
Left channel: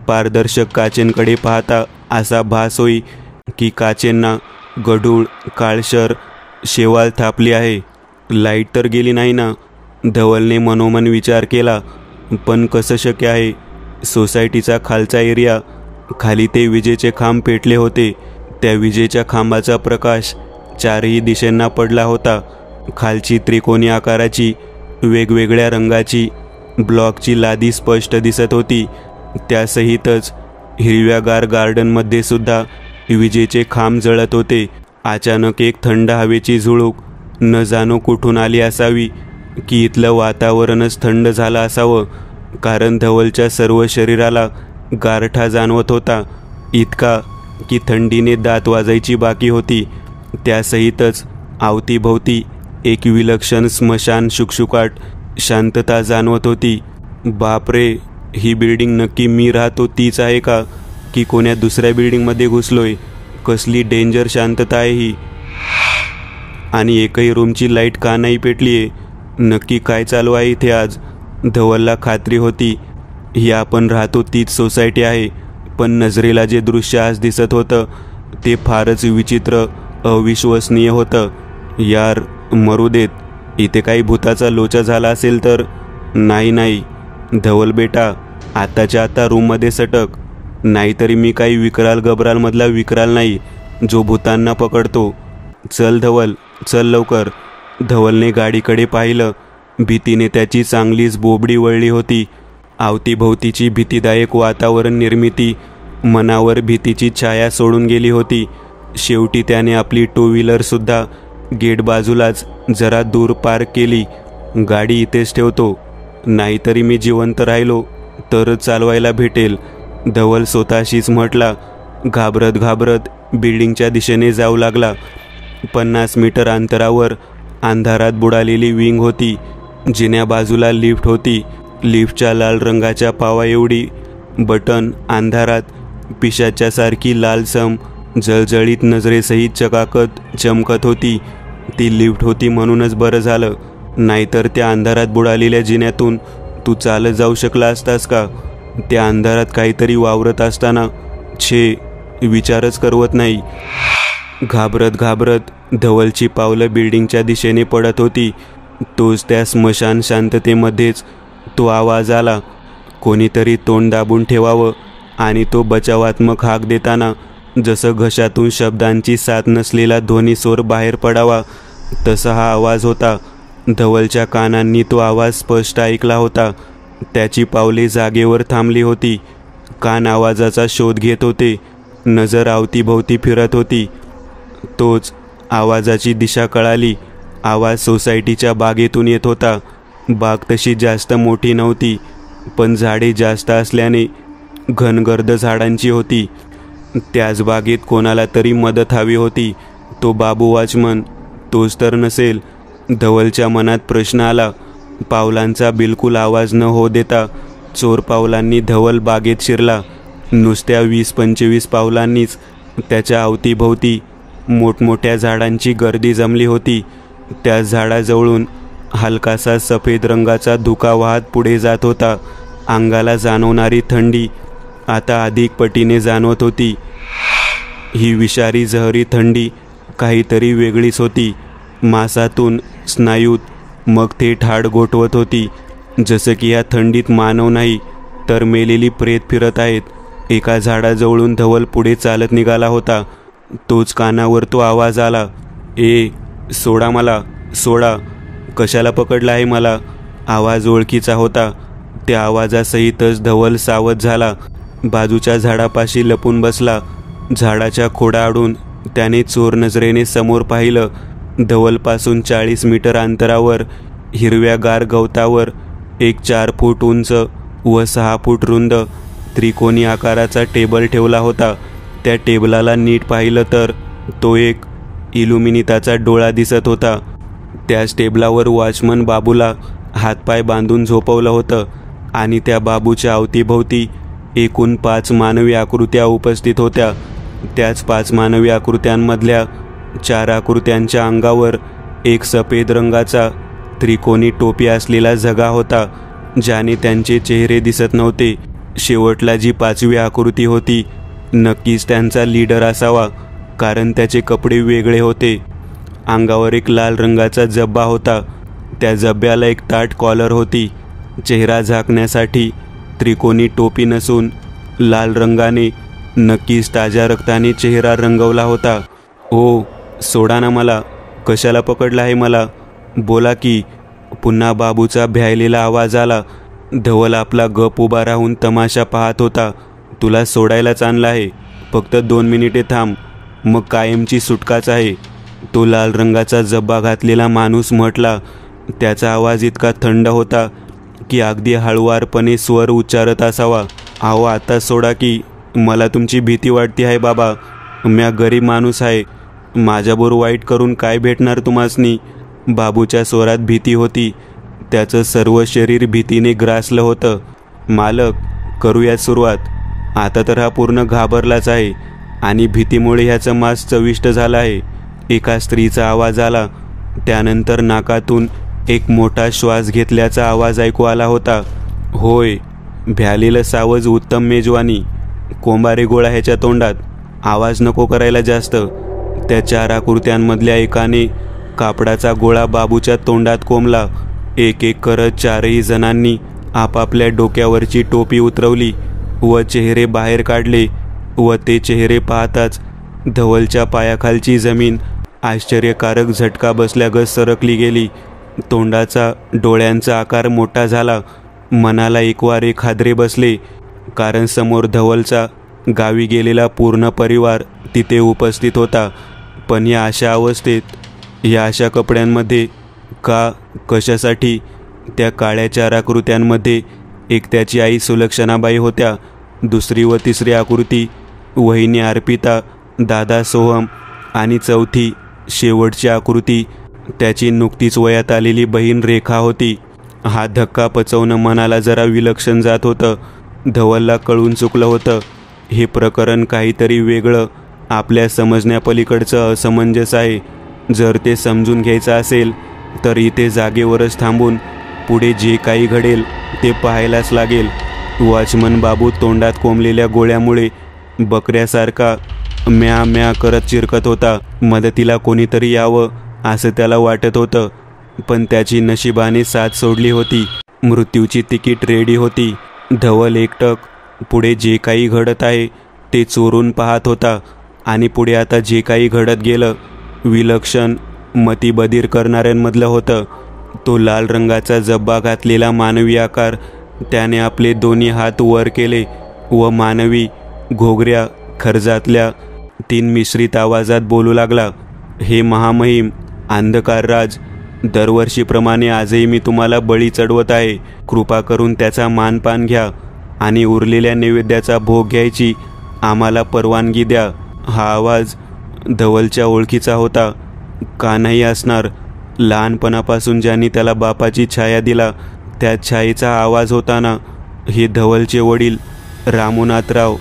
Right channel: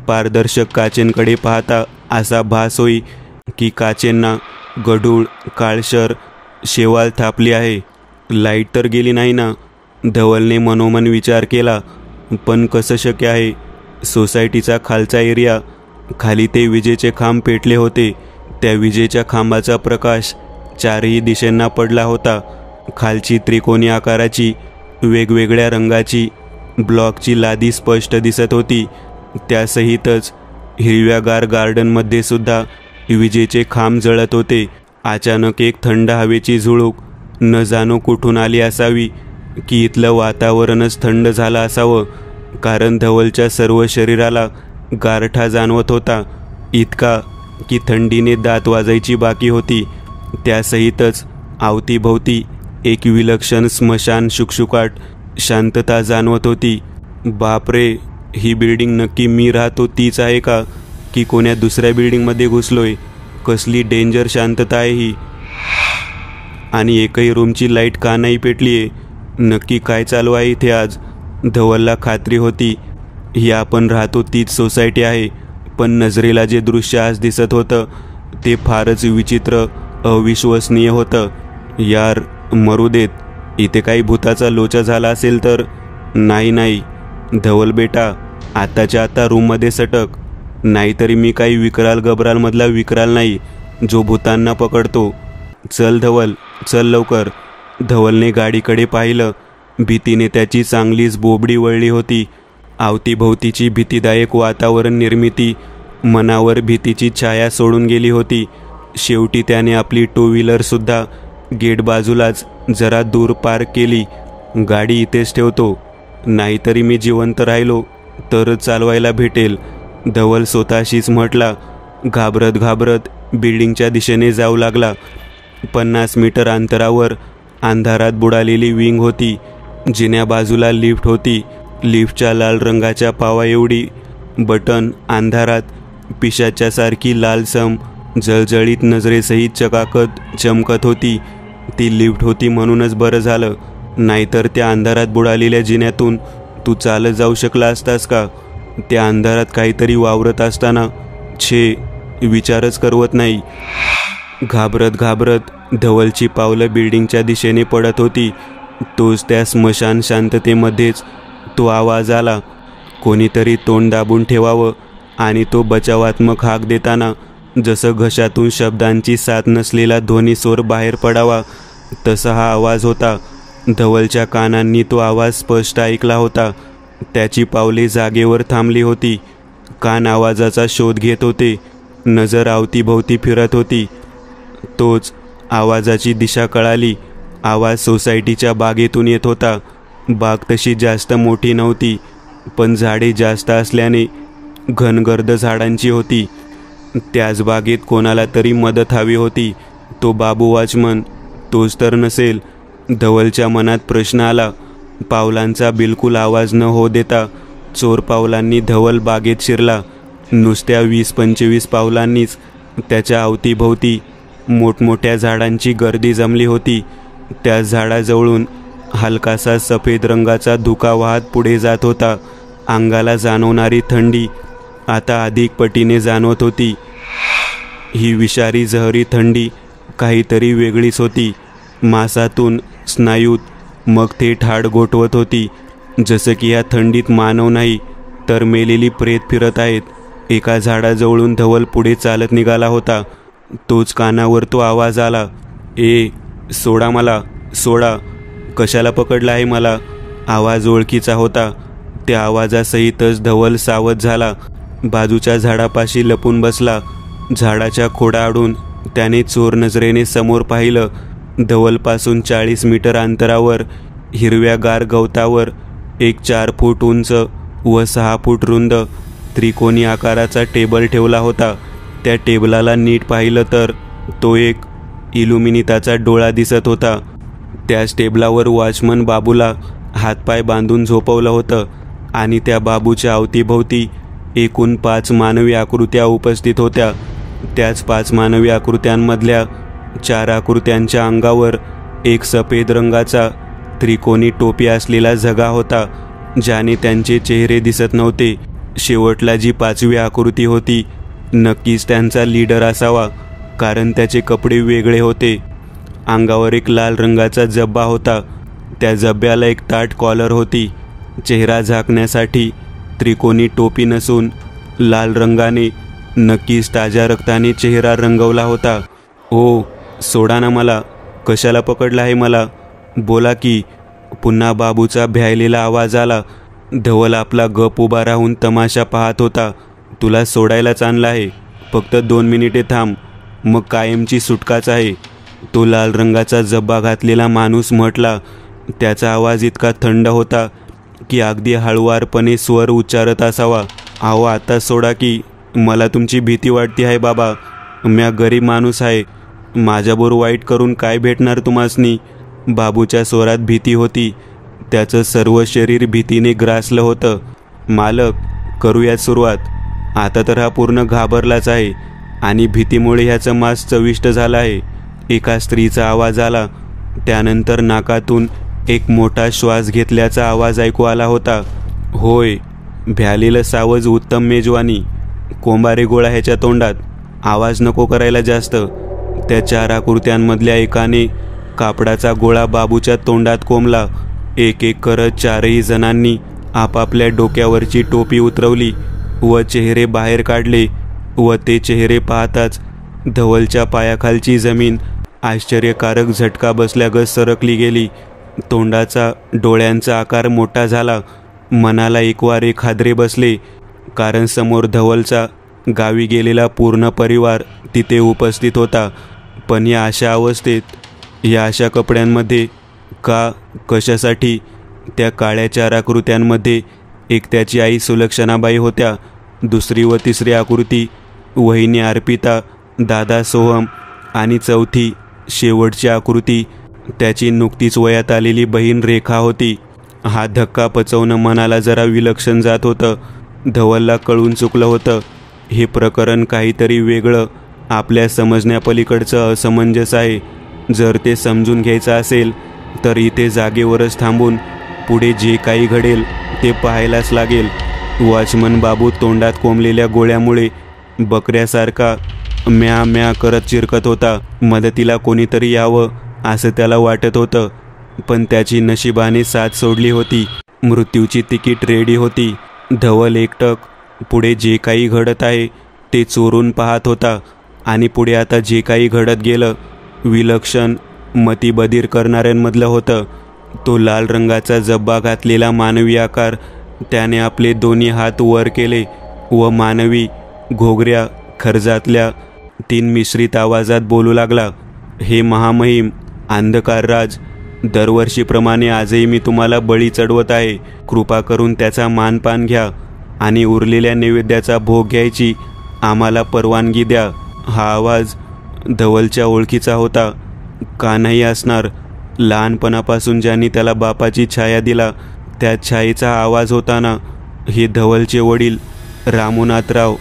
पारदर्शक काचेंकडे पाहता असा भास होई की काचेंना गढूळ काळसर शेवाळ थापली आहे. लाईट तर गेली नाही ना? धवलने मनोमन विचार केला. पण कसं शक्य आहे? सोसायटीचा खालचा एरिया, खाली ते विजेचे खांब पेटले होते. त्या विजेच्या खांबाचा प्रकाश 4ही दिशांना पडला होता. खालची त्रिकोणी आकाराची वेगवेगळ्या रंगाची ब्लॉकची लादी स्पष्ट दिसत होती. त्यासहितच हिरव्यागार गार्डनमध्ये सुद्धा विजेचे खांब जळत होते. अचानक एक थंड हवेची झुळूक न जाणो कुठून आली असावी की इथलं वातावरणच थंड झालं असावं. कारण धवलच्या सर्व शरीराला गारठा जाणवत होता. इतका की थंडीने दात वाजायची बाकी होती. त्यासहितच अवतीभोवती एक विलक्षण स्मशान शुकशुकाट शांतता जाणवत होती. बापरे, ही बिल्डिंग नक्की मी राहतो तीच आहे का? की कोण्या दुसऱ्या बिल्डिंगमध्ये घुसलोय? कसली डेंजर शांतता आहे ही? आणि एकही रूमची लाईट का नाही पेटलीये? नक्की काय चालू आहे इथे आज? धवलला खात्री होती ही आपण राहतो तीच सोसायटी आहे. पण नजरेला जे दृश्य आज दिसत होतं ते फारच विचित्र, अविश्वसनीय होतं. यार, मरू देत. इथे काही भूताचा लोचा झाला असेल तर? नाही, धवल बेटा, आताच्या आता रूममध्ये सटक. नाहीतरी मी काही विकराल गबरालमधला विकराल नाही जो भूतांना पकडतो. चल धवल, चल लवकर. धवलने गाडीकडे पाहिलं. भीतीने त्याची चांगलीच बोबडी वळली होती. अवतीभोवतीची भीतीदायक वातावरण निर्मिती मनावर भीतीची छाया सोडून गेली होती. शेवटी त्याने आपली 2 व्हीलर सुद्धा गेट बाजूलाच जरा दूर पार्क केली. गाडी इथेच ठेवतो, नाहीतरी मी जिवंत राहिलो तरच चालवायला भेटेल, धवल स्वतःशीच म्हटला. घाबरत घाबरत बिल्डिंगच्या दिशेने जाऊ लागला. 50 मीटर अंतरावर अंधारात बुडालेली विंग होती. जिन्या बाजूला लिफ्ट होती. लिफ्टच्या लाल रंगाच्या पावा एवढी बटन अंधारात पिशाच्यासारखी लालसम जळजळीत नजरेसहित चकाकत चमकत होती. ती लिफ्ट होती म्हणूनच बरं झालं, नाहीतर त्या अंधारात बुडालेल्या जिन्यातून तू चालत जाऊ शकला असतास का? त्या अंधारात काहीतरी वावरत असताना विचारच करवत नाही. घाबरत घाबरत धवलची पावलं बिल्डिंगच्या दिशेने पडत होती. तोच त्या स्मशान शांततेमध्येच तो आवाज आला. कोणीतरी तोंड दाबून ठेवावं आणि तो बचावात्मक हाक देताना जसं घशातून शब्दांची साथ नसलेला ध्वनी स्वर बाहेर पडावा तसा हा आवाज होता. धवलच्या कानांनी तो आवाज स्पष्ट ऐकला होता. त्याची पावले जागेवर थांबली होती. कान आवाजाचा शोध घेत होते. नजर अवतीभोवती फिरत होती. तोच आवाजाची दिशा कळाली. आवाज सोसायटीच्या बागेतून येत होता. बाग तशी जास्त मोठी नव्हती, पण झाडे जास्त असल्याने घनगर्द झाडांची होती. त्याच बागेत कोणाला तरी मदत हवी होती. तो बाबू वॉचमन तोच तर नसेल? धवलच्या मनात प्रश्न आला. पावलांचा बिलकुल आवाज न होऊ देता चोर पावलांनी धवल बागेत शिरला. नुसत्या 20-25 पावलांनीच त्याच्या अवतीभोवती मोठमोठ्या झाडांची गर्दी जमली होती. त्या झाडाजवळून हलकासा सफेद रंगाचा धुका वाहत पुढे जात होता. अंगाला जाणवणारी थंडी आता अधिक पटीने जाणवत होती. ही विषारी जहरी थंडी काहीतरी वेगळीच होती. मांसातून स्नायूत मग थेट हाड गोठवत होती. जसं की या थंडीत मानव नाही तर मेलेली प्रेत फिरत आहेत. एका झाडाजवळून धवल पुढे चालत निघाला होता. तोच कानावर तो आवाज आला, ए सोडा मला, सोडा. कशाला पकडला आहे मला? आवाज ओळखीचा होता. त्या आवाजासहितच धवल सावध झाला. बाजूच्या झाडापाशी लपून बसला. झाडाच्या खोडाआडून त्याने चोर नजरेने समोर पाहिलं. धवलपासून 40 मीटर अंतरावर हिरव्यागार गवतावर एक 4 फूट उंच व 6 फूट रुंद त्रिकोणी आकाराचा टेबल ठेवला होता. त्या टेबलाला नीट पाहिलं तर तो एक इल्युमिनिताचा डोळा दिसत होता. त्याच टेबलावर वॉचमन बाबूला हातपाय बांधून झोपवलं होतं आणि त्या बाबूच्या अवतीभोवती एकूण 5 मानवी आकृत्या उपस्थित होत्या. त्याच 5 मानवी आकृत्यांमधल्या 4 आकृत्यांच्या अंगावर एक सफेद रंगाचा त्रिकोणी टोपी असलेला झगा होता, ज्याने त्यांचे चेहरे दिसत नव्हते. शेवटला जी 5वी आकृती होती नक्कीच त्यांचा लीडर असावा, कारण त्याचे कपडे वेगळे होते. अंगावर एक लाल रंगाचा जब्बा होता. त्या जब्ब्याला एक ताठ कॉलर होती. चेहरा झाकण्यासाठी त्रिकोणी टोपी नसून लाल रंगाने नक्कीच ताज्या रक्ताने चेहरा रंगवला होता. ओ सोडा ना मला, कशाला पकडला आहे मला? बोला की. पुन्हा बाबूचा भ्यायलेला आवाज आला. धवल आपला गप उभा राहून तमाशा पाहत होता. तुला सोडायलाच आणला आहे, फक्त 2 मिनिटे थांब, मग कायमची सुटकाच आहे, तो लाल रंगाचा जब्बा घातलेला माणूस म्हटला. त्याचा आवाज इतका थंड होता की अगदी हळुवारपणे स्वर उच्चारत असावा. अहो आता सोडा की, मला तुमची भीती वाटते आहे बाबा. म्या गरीब माणूस आहे, माझ्याबरोबर वाईट करून काय भेटणार तुम्हासनी? बाबूच्या स्वरात भीती होती. त्याचं सर्व शरीर भीतीने ग्रासलं होतं. मालक, करूयात सुरुवात. आता तर हा पूर्ण घाबरलाच आहे आणि भीतीमुळे ह्याचं मांस चविष्ट झालं आहे. एका स्त्रीचा आवाज आला. त्यानंतर नाकातून एक मोठा श्वास घेतल्याचा आवाज ऐकू आला होता. होय, भ्यालेलं सावज उत्तम मेजवानी. कोंबारे गोळा ह्याच्या तोंडात. आवाज नको करायला जास्त. त्या 4 आकृत्यांमधल्या एकाने कापडाचा गोळा बाबूच्या तोंडात कोंबला. एक एक करत 4ही जणांनी आपापल्या डोक्यावरची टोपी उतरवली व चेहरे बाहेर काढले. व ते चेहरे पाहताच धवलच्या पायाखालची जमीन आश्चर्यकारक झटका बसल्यागत सरकली गेली. तोंडाचा, डोळ्यांचा आकार मोठा झाला. मनाला एकवार एक हादरे बसले, कारण समोर धवलचा गावी गेलेला पूर्ण परिवार तिथे उपस्थित होता. पण या अशा अवस्थेत, या अशा कपड्यांमध्ये, का, कशासाठी? त्या काळ्या 4 आकृत्यांमध्ये एक त्याची आई सुलक्षणाबाई होत्या. दुसरी व तिसरी आकृती वहिनी अर्पिता, दादा सोहम आणि चौथी, शेवटची आकृती त्याची नुकतीच वयात आलेली बहीण रेखा होती. हा धक्का पचवणं मनाला जरा विलक्षण जात होतं. धवलला कळून चुकलं होतं. हे प्रकरण काहीतरी वेगळं, आपल्या समजण्यापलीकडचं असमंजस आहे. जर ते समजून घ्यायचं असेल तर इथे जागेवरच थांबून पुढे जे काही घडेल ते पाहायलाच लागेल. वॉचमन बाबू तोंडात कोंबलेल्या गोळ्यामुळे बकऱ्यासारखा म्या म्या करत चिरकत होता. मदतीला कोणीतरी यावं असं त्याला वाटत होतं, पण त्याची नशिबाने साथ सोडली होती. मृत्यूची तिकीट रेडी होती. धवल एकटक पुढे जे काही घडत आहे ते चोरून पाहत होता आणि पुढे आता जे काही घडत गेलं विलक्षण, मतिबधीर करणाऱ्यांमधलं होतं. तो लाल रंगाचा जब्बा घातलेला मानवी आकार, त्याने आपले दोन्ही हात वर केले व मानवी, घोगऱ्या, खर्जातल्या 3 मिश्रित आवाजात बोलू लागला, हे महामहिम अंधकारराज, दरवर्षीप्रमाणे आजही मी तुम्हाला बळी चढवत आहे. कृपा करून त्याचा मानपान घ्या आणि उरलेल्या नैवेद्याचा भोग घ्यायची आम्हाला परवानगी द्या. हा आवाज धवलच्या ओळखीचा होता. का नाही असणार? लहानपणापासून ज्यांनी त्याला बापाची छाया दिला त्या छायेचा आवाज होता ना. हे धवलचे वडील रामनाथराव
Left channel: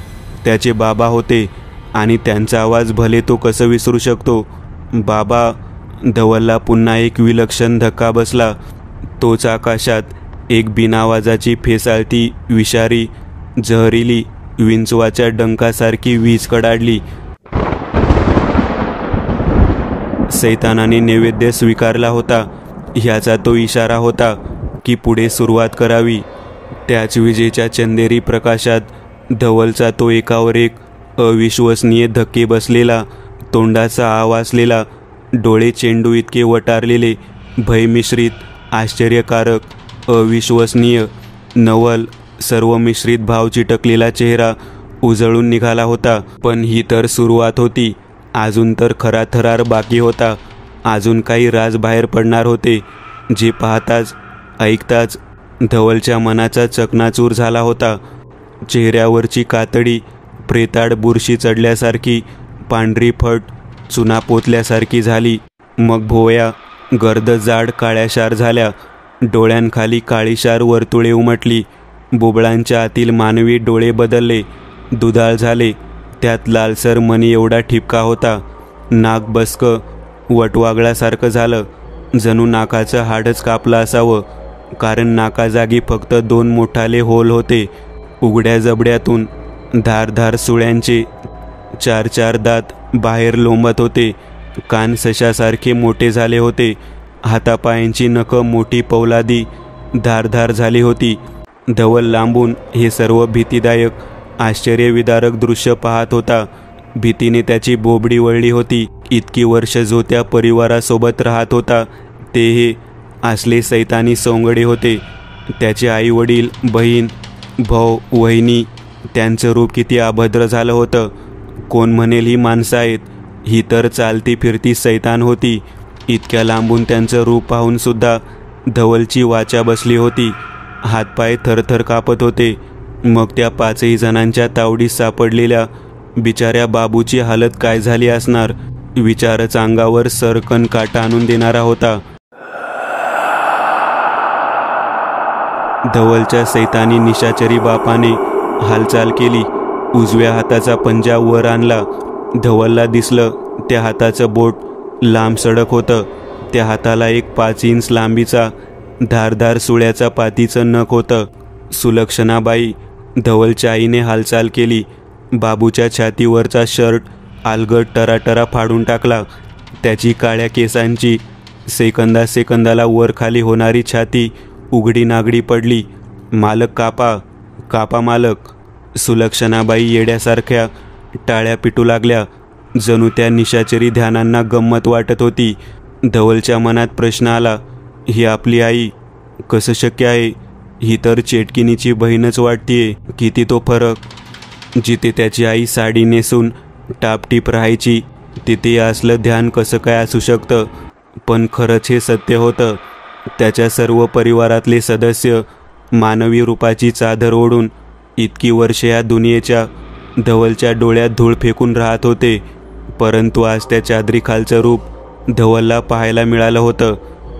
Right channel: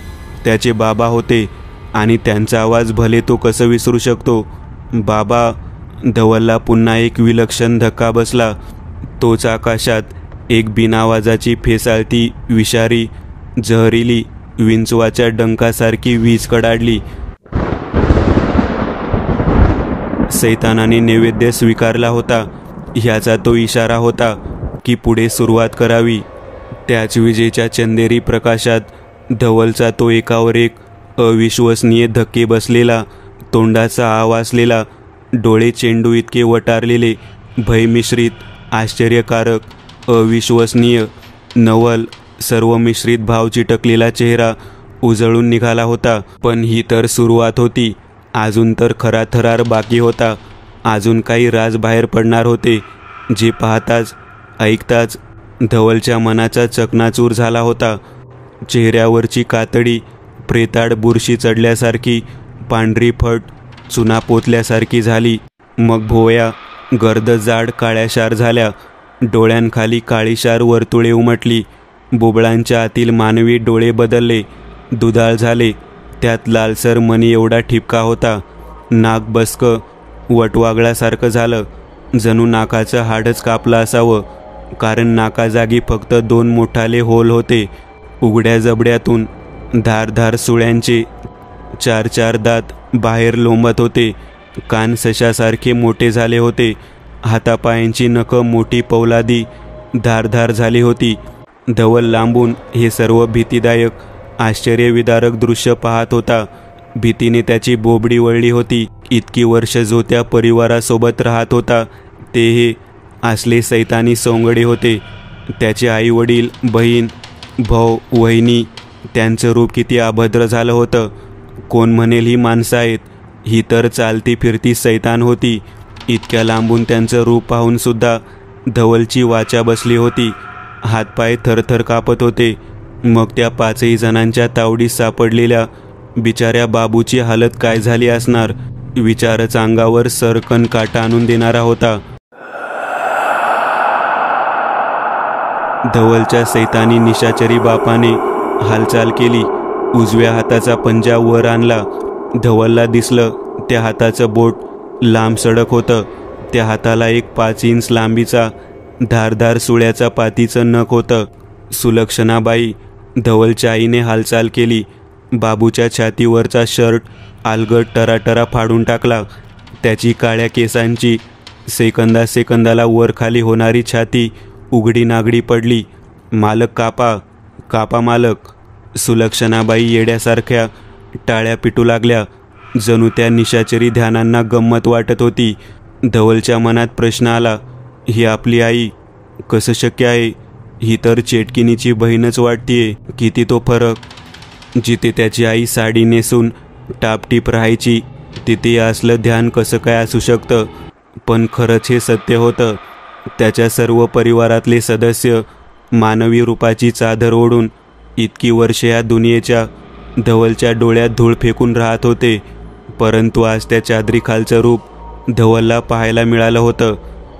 त्याचे बाबा होते आणि त्यांचा आवाज भले तो कसं विसरू शकतो. बाबा. धवलला पुन्हा एक विलक्षण धक्का बसला. तोच आकाशात एक बिनावाजाची फेसाळती विषारी जहरीली विंचवाच्या डंकासारखी वीज कडाडली. सैतानाने नैवेद्य स्वीकारला होता. ह्याचा तो इशारा होता की पुढे सुरुवात करावी. त्याच विजेच्या चंदेरी प्रकाशात धवलचा तो एकावर एक अविश्वसनीय धक्के बसलेला, तोंडाचा आवासलेला, डोळे चेंडू इतके वटारलेले, भयमिश्रित, आश्चर्यकारक, अविश्वसनीय, नवल, सर्व मिश्रित भाव चिटकलेला चेहरा उजळून निघाला होता. पण ही तर सुरुवात होती. अजून तर खरा थरार बाकी होता. अजून काही राज बाहेर पडणार होते, जे पाहताच ऐकताच धवलच्या मनाचा चकनाचूर झाला होता. चेहऱ्यावरची कातडी प्रेताड बुरशी चढल्यासारखी, पांढरी फट चुना पोतल्यासारखी झाली. मग भोवया गर्द जाड काळ्याशार झाल्या. डोळ्यांखाली काळीशार वर्तुळे उमटली. बुबळांच्या आतील मानवी डोळे बदलले, दुधाळ झाले. त्यात लालसर मणी एवढा ठिपका होता. नाक बसकं वटवागळासारखं झालं, जणू नाकाचं हाडच कापलं असावं. कारण नाकाजागी फक्त 2 मोठाले होल होते. उघड्या जबड्यातून धारधार सुळ्यांचे 4 दात बाहेर लोंबत होते. कान सशासारखे मोठे झाले होते. हातापायांची नखं मोठी पौलादी धारधार झाली होती. धवल लांबून हे सर्व भीतीदायक आश्चर्यविदारक दृश्य पाहत होता. भीतीने त्याची बोबडी वळली होती. इतकी वर्ष जो त्या परिवारासोबत राहत होता ते हे असले सैतानी सोंगडे होते. त्याचे आई वडील, बहीण, भाऊ, वहिनी, त्यांचं रूप किती अभद्र झालं होतं. कोण म्हणेल ही माणसं आहेत, ही तर चालती फिरती सैतान होती. इतक्या लांबून त्यांचं रूप पाहून सुद्धा धवलची वाचा बसली होती. हातपाय थरथर कापत होते. मग त्या 5 जणांच्या तावडीत सापडलेल्या बिचाऱ्या बाबूची हालत काय झाली असणार? विचारच अंगावर सरकन काटा आणून देणारा होता. धवलच्या सैतानी निशाचरी बापाने हालचाल केली. उजव्या हाताचा पंजा वर आणला. धवलला दिसलं त्या हाताचं बोट लांब सडक होतं. त्या हाताला एक 5 इंच लांबीचा धारधार सुळ्याचा पातीचं नख होतं. सुलक्षणाबाई, धवलच्या आईने हालचाल केली. बाबूच्या छातीवरचा शर्ट अलगट टराटरा फाडून टाकला. त्याची काळ्या केसांची सेकंदाला वर खाली होणारी छाती उघडी नागडी पडली. मालक, कापा, कापा मालक. सुलक्षणाबाई येड्यासारख्या टाळ्या पिटू लागल्या. जणू त्या निशाचरी ध्यानांना गंमत वाटत होती. धवलच्या मनात प्रश्न आला, ही आपली आई कसं शक्य आहे? ही तर चेटकिनीची बहीणच वाटतेय. किती तो फरक. जिथे त्याची आई साडी नेसून टापटीप राहायची तिथे असलं ध्यान कसं काय असू शकतं? पण खरंच हे सत्य होतं. त्याच्या सर्व परिवारातले सदस्य मानवी रूपाची चादर ओढून इतकी वर्षे या दुनियेच्या धवलच्या डोळ्यात धूळ फेकून राहत होते. परंतु आज त्या चादरीखालचं रूप धवलला पाहायला मिळालं होतं.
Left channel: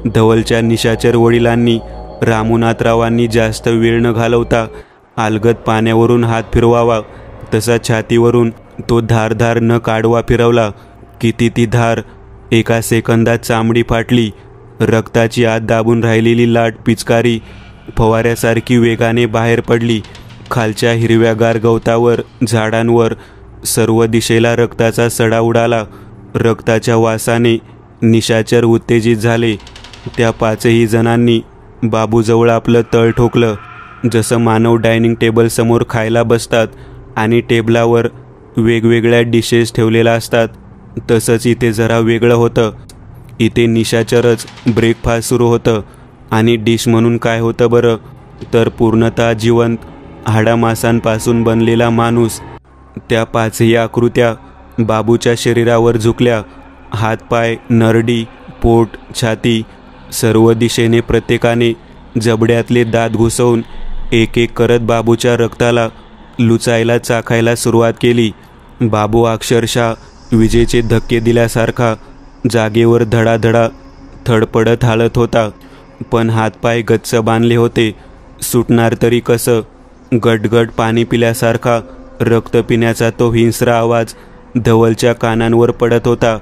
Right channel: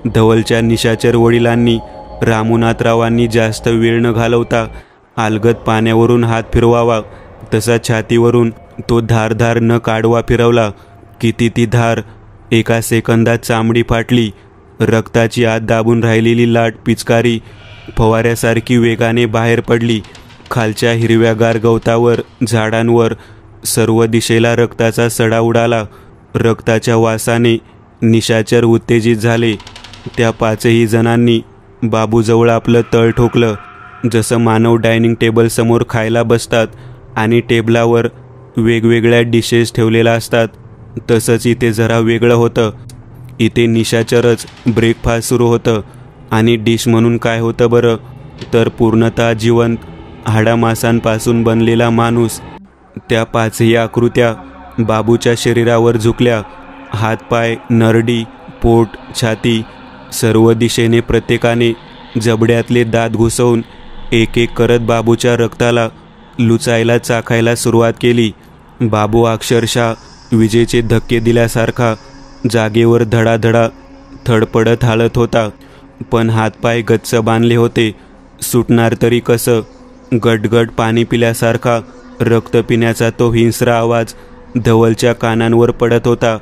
धवलच्या निशाचर वडिलांनी, रामनाथरावांनी जास्त वेळ न घालवता अलगद पाण्यावरून हात फिरवावा तसा छातीवरून तो धारधार न काढवा फिरवला. किती ती धार! एका सेकंदात चामडी फाटली. रक्ताची आत दाबून राहिलेली लाट पिचकारी फवाऱ्यासारखी वेगाने बाहेर पडली. खालच्या हिरव्यागार गवतावर, झाडांवर सर्व दिशेला रक्ताचा सडा उडाला. रक्ताच्या वासाने निशाचर उत्तेजित झाले. त्या 5 जणांनी बाबूजवळ आपलं तळ ठोकलं. जसं मानव डायनिंग टेबल समोर खायला बसतात आणि टेबलावर वेगवेगळ्या डिशेस ठेवलेल्या असतात, तसंच इथे जरा वेगळं होतं. इथे निशाचरच ब्रेकफास्ट सुरू होतं. आणि डिश म्हणून काय होतं बरं? तर पूर्णतः जिवंत हाडामासांपासून बनलेला माणूस. त्या पाचही आकृत्या बाबूच्या शरीरावर झुकल्या. हातपाय, नरडी, पोट, छाती सर्व दिशेने प्रत्येकाने जबड्यातले दात घुसवून एक एक करत बाबूच्या रक्ताला लुचायला चाखायला सुरुवात केली. बाबू अक्षरशः विजेचे धक्के दिल्यासारखा जागेवर धडाधडा थडपडत हालत होता. पण हातपाय गच्च बांधले होते. सुटणार तरी कसं? गटगट पाणी पिल्यासारखा रक्त पिण्याचा तो हिंस्र आवाज धवलच्या कानांवर पडत होता.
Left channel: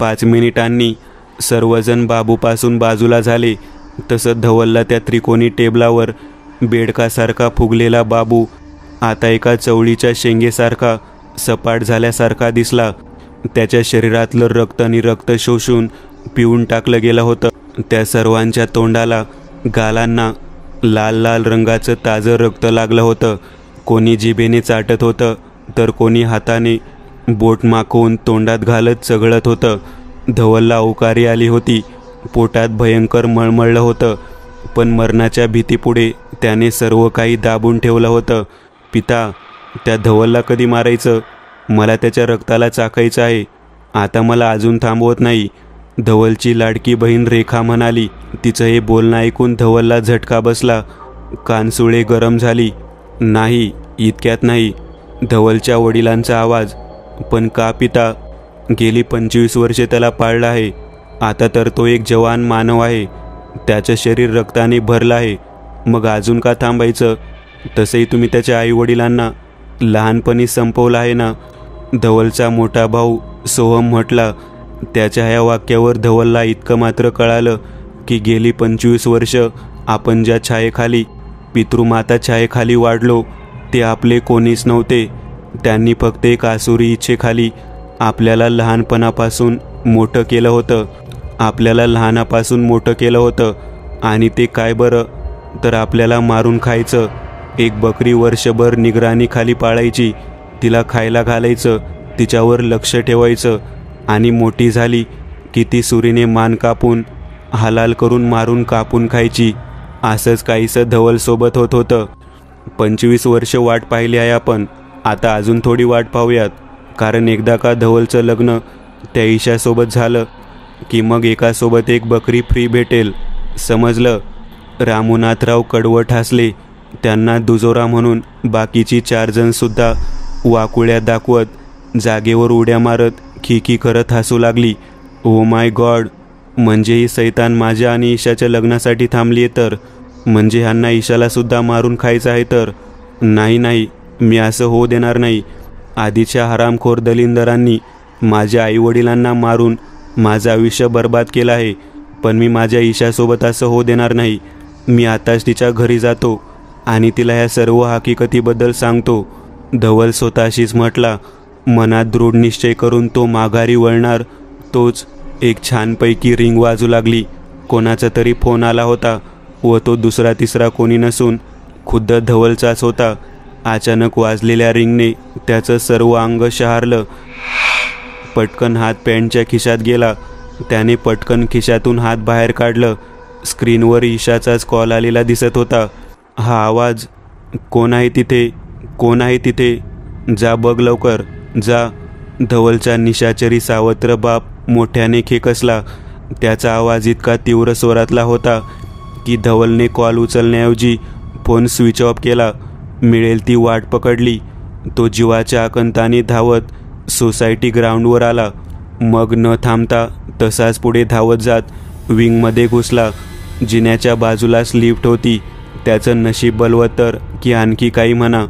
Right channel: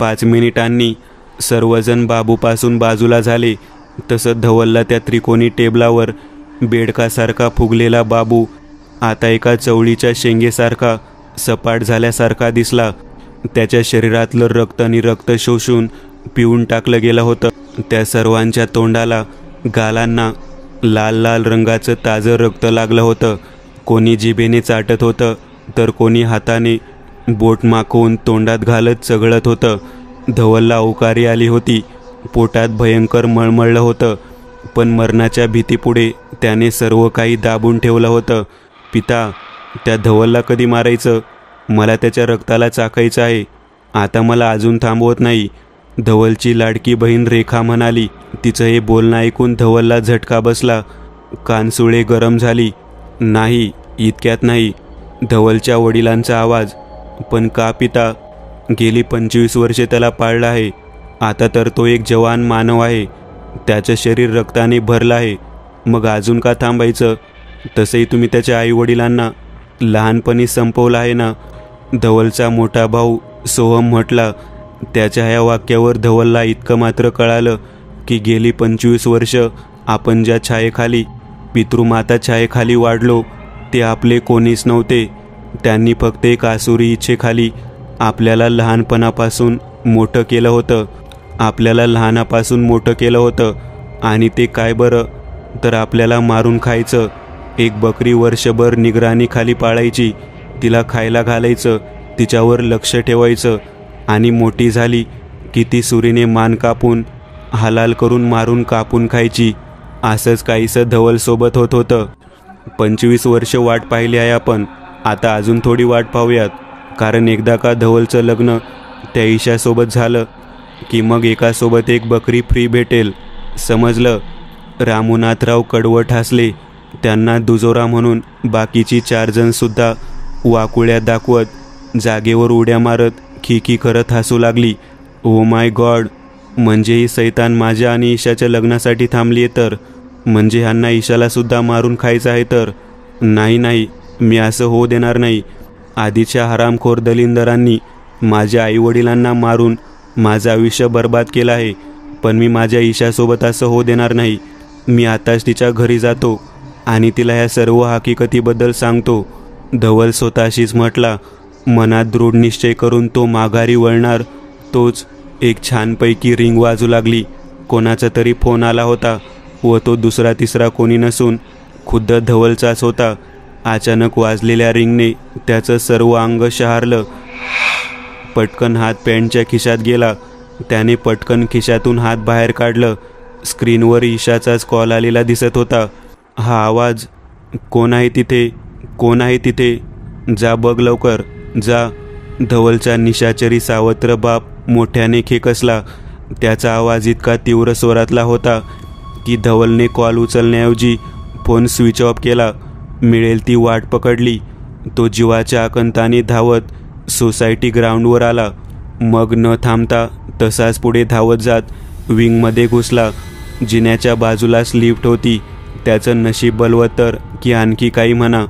5 मिनिटांनी सर्वजण बाबूपासून बाजूला झाले. तसं धवलला त्या त्रिकोणी टेबलावर बेडकासारखा फुगलेला बाबू आता एका चवळीच्या शेंगेसारखा सपाट झाल्यासारखा दिसला. त्याच्या शरीरातलं रक्त आणि रक्त शोषून पिऊन टाकलं गेलं होतं. त्या सर्वांच्या तोंडाला, गालांना लाल लाल रंगाचं ताजं रक्त लागलं होतं. कोणी जिभेने चाटत होतं तर कोणी हाताने बोट माखवून तोंडात घालत चघळत होतं. धवलला औकारी आली होती. पोटात भयंकर मळमळलं होतं. पण मरणाच्या भीतीपुढे त्याने सर्व काही दाबून ठेवलं होतं. पिता, त्या धवलला कधी मारायचं? मला त्याच्या रक्ताला चाकायचं आहे. आता मला अजून थांबवत नाही, धवलची लाडकी बहीण रेखा म्हणाली. तिचं हे बोलणं ऐकून धवलला झटका बसला. कानसुळे गरम झाली. नाही, इतक्यात नाही. धवलच्या वडिलांचा आवाज. पण का पिता? गेली 25 वर्षे त्याला पाळलं आहे. आता तर तो एक जवान मानव आहे. त्याचं शरीर रक्ताने भरलं आहे. मग अजून का थांबायचं? तसंही तुम्ही त्याच्या आई वडिलांना लहानपणी संपवलं आहे ना, धवलचा मोठा भाऊ सोहम म्हटला. त्याच्या ह्या वाक्यावर धवलला इतकं मात्र कळालं की गेली 25 वर्ष आपण ज्या छायेखाली, पितृमाता छायेखाली वाढलो ते आपले कोणीच नव्हते. त्यांनी फक्त एक आसुरी इच्छेखाली आपल्याला लहानपणापासून मोठं केलं होतं. आपल्याला लहानापासून मोठं केलं होतं. आणि ते काय बरं? तर आपल्याला मारून खायचं. एक बकरी वर्षभर निगराणीखाली पाळायची. तिला खायला घालायचं, तिच्यावर लक्ष ठेवायचं. आणि मोठी झाली की ती सुरीने मान कापून हलाल करून मारून कापून खायची. असंच काहीसं धवलसोबत होत होतं. 25 वर्ष वाट पाहिली आहे आपण. आता अजून थोडी वाट पाहूयात. कारण एकदा का धवलचं लग्न त्या ईशासोबत झालं की मग एकासोबत एक बकरी फ्री भेटेल. समजलं? रामनाथराव कडवट हसले. त्यांना दुजोरा म्हणून बाकीची 4 जण सुद्धा वाकुळ्या दाखवत जागेवर उड्या मारत खिकी करत हसू लागली. ओ माय गॉड, म्हणजे ही सैतान माझ्या आणि ईशाच्या लग्नासाठी थांबली आहे तर? म्हणजे ह्यांना ईशाला सुद्धा मारून खायचं आहे तर? नाही नाही, मी असं होऊ देणार नाही. आधीच्या हरामखोर दलिंदरांनी माझ्या आईवडिलांना मारून माझं आयुष्य बर्बाद केलं आहे. पण मी माझ्या ईशासोबत असं होऊ देणार नाही. मी आताच तिच्या घरी जातो आणि तिला ह्या सर्व हकीकतीबद्दल सांगतो, धवल स्वतःशीच म्हटला. मनात दृढ निश्चय करून तो माघारी वळणार तोच एक छानपैकी रिंग वाजू लागली. कोणाचा तरी फोन आला होता व तो दुसरा तिसरा कोणी नसून खुद्द धवलचाच होता. अचानक वाजलेल्या रिंगने त्याचं सर्व अंग शहारलं. पटकन हात पॅन्टच्या खिशात गेला. त्याने पटकन खिशातून हात बाहेर काढलं. स्क्रीनवर ईशाचाच कॉल आलेला दिसत होता. हा आवाज, कोण आहे तिथे? कोण आहे तिथे? जा बघ लवकर, जा. धवलचा निशाचरी सावत्र बाप मोठ्याने खेकसला. त्याचा आवाज इतका तीव्र स्वरातला होता की धवलने कॉल उचलण्याऐवजी फोन स्विच ऑफ केला. मिळेल ती वाट पकडली. तो जीवाच्या आकंताने धावत सोसायटी ग्राउंडवर आला. मग न थांबता तसाच पुढे धावत जात विंगमध्ये घुसला. जिन्याच्या बाजूलाच लिफ्ट होती. त्याचं नशीब बलवत्तर की आणखी काही म्हणा,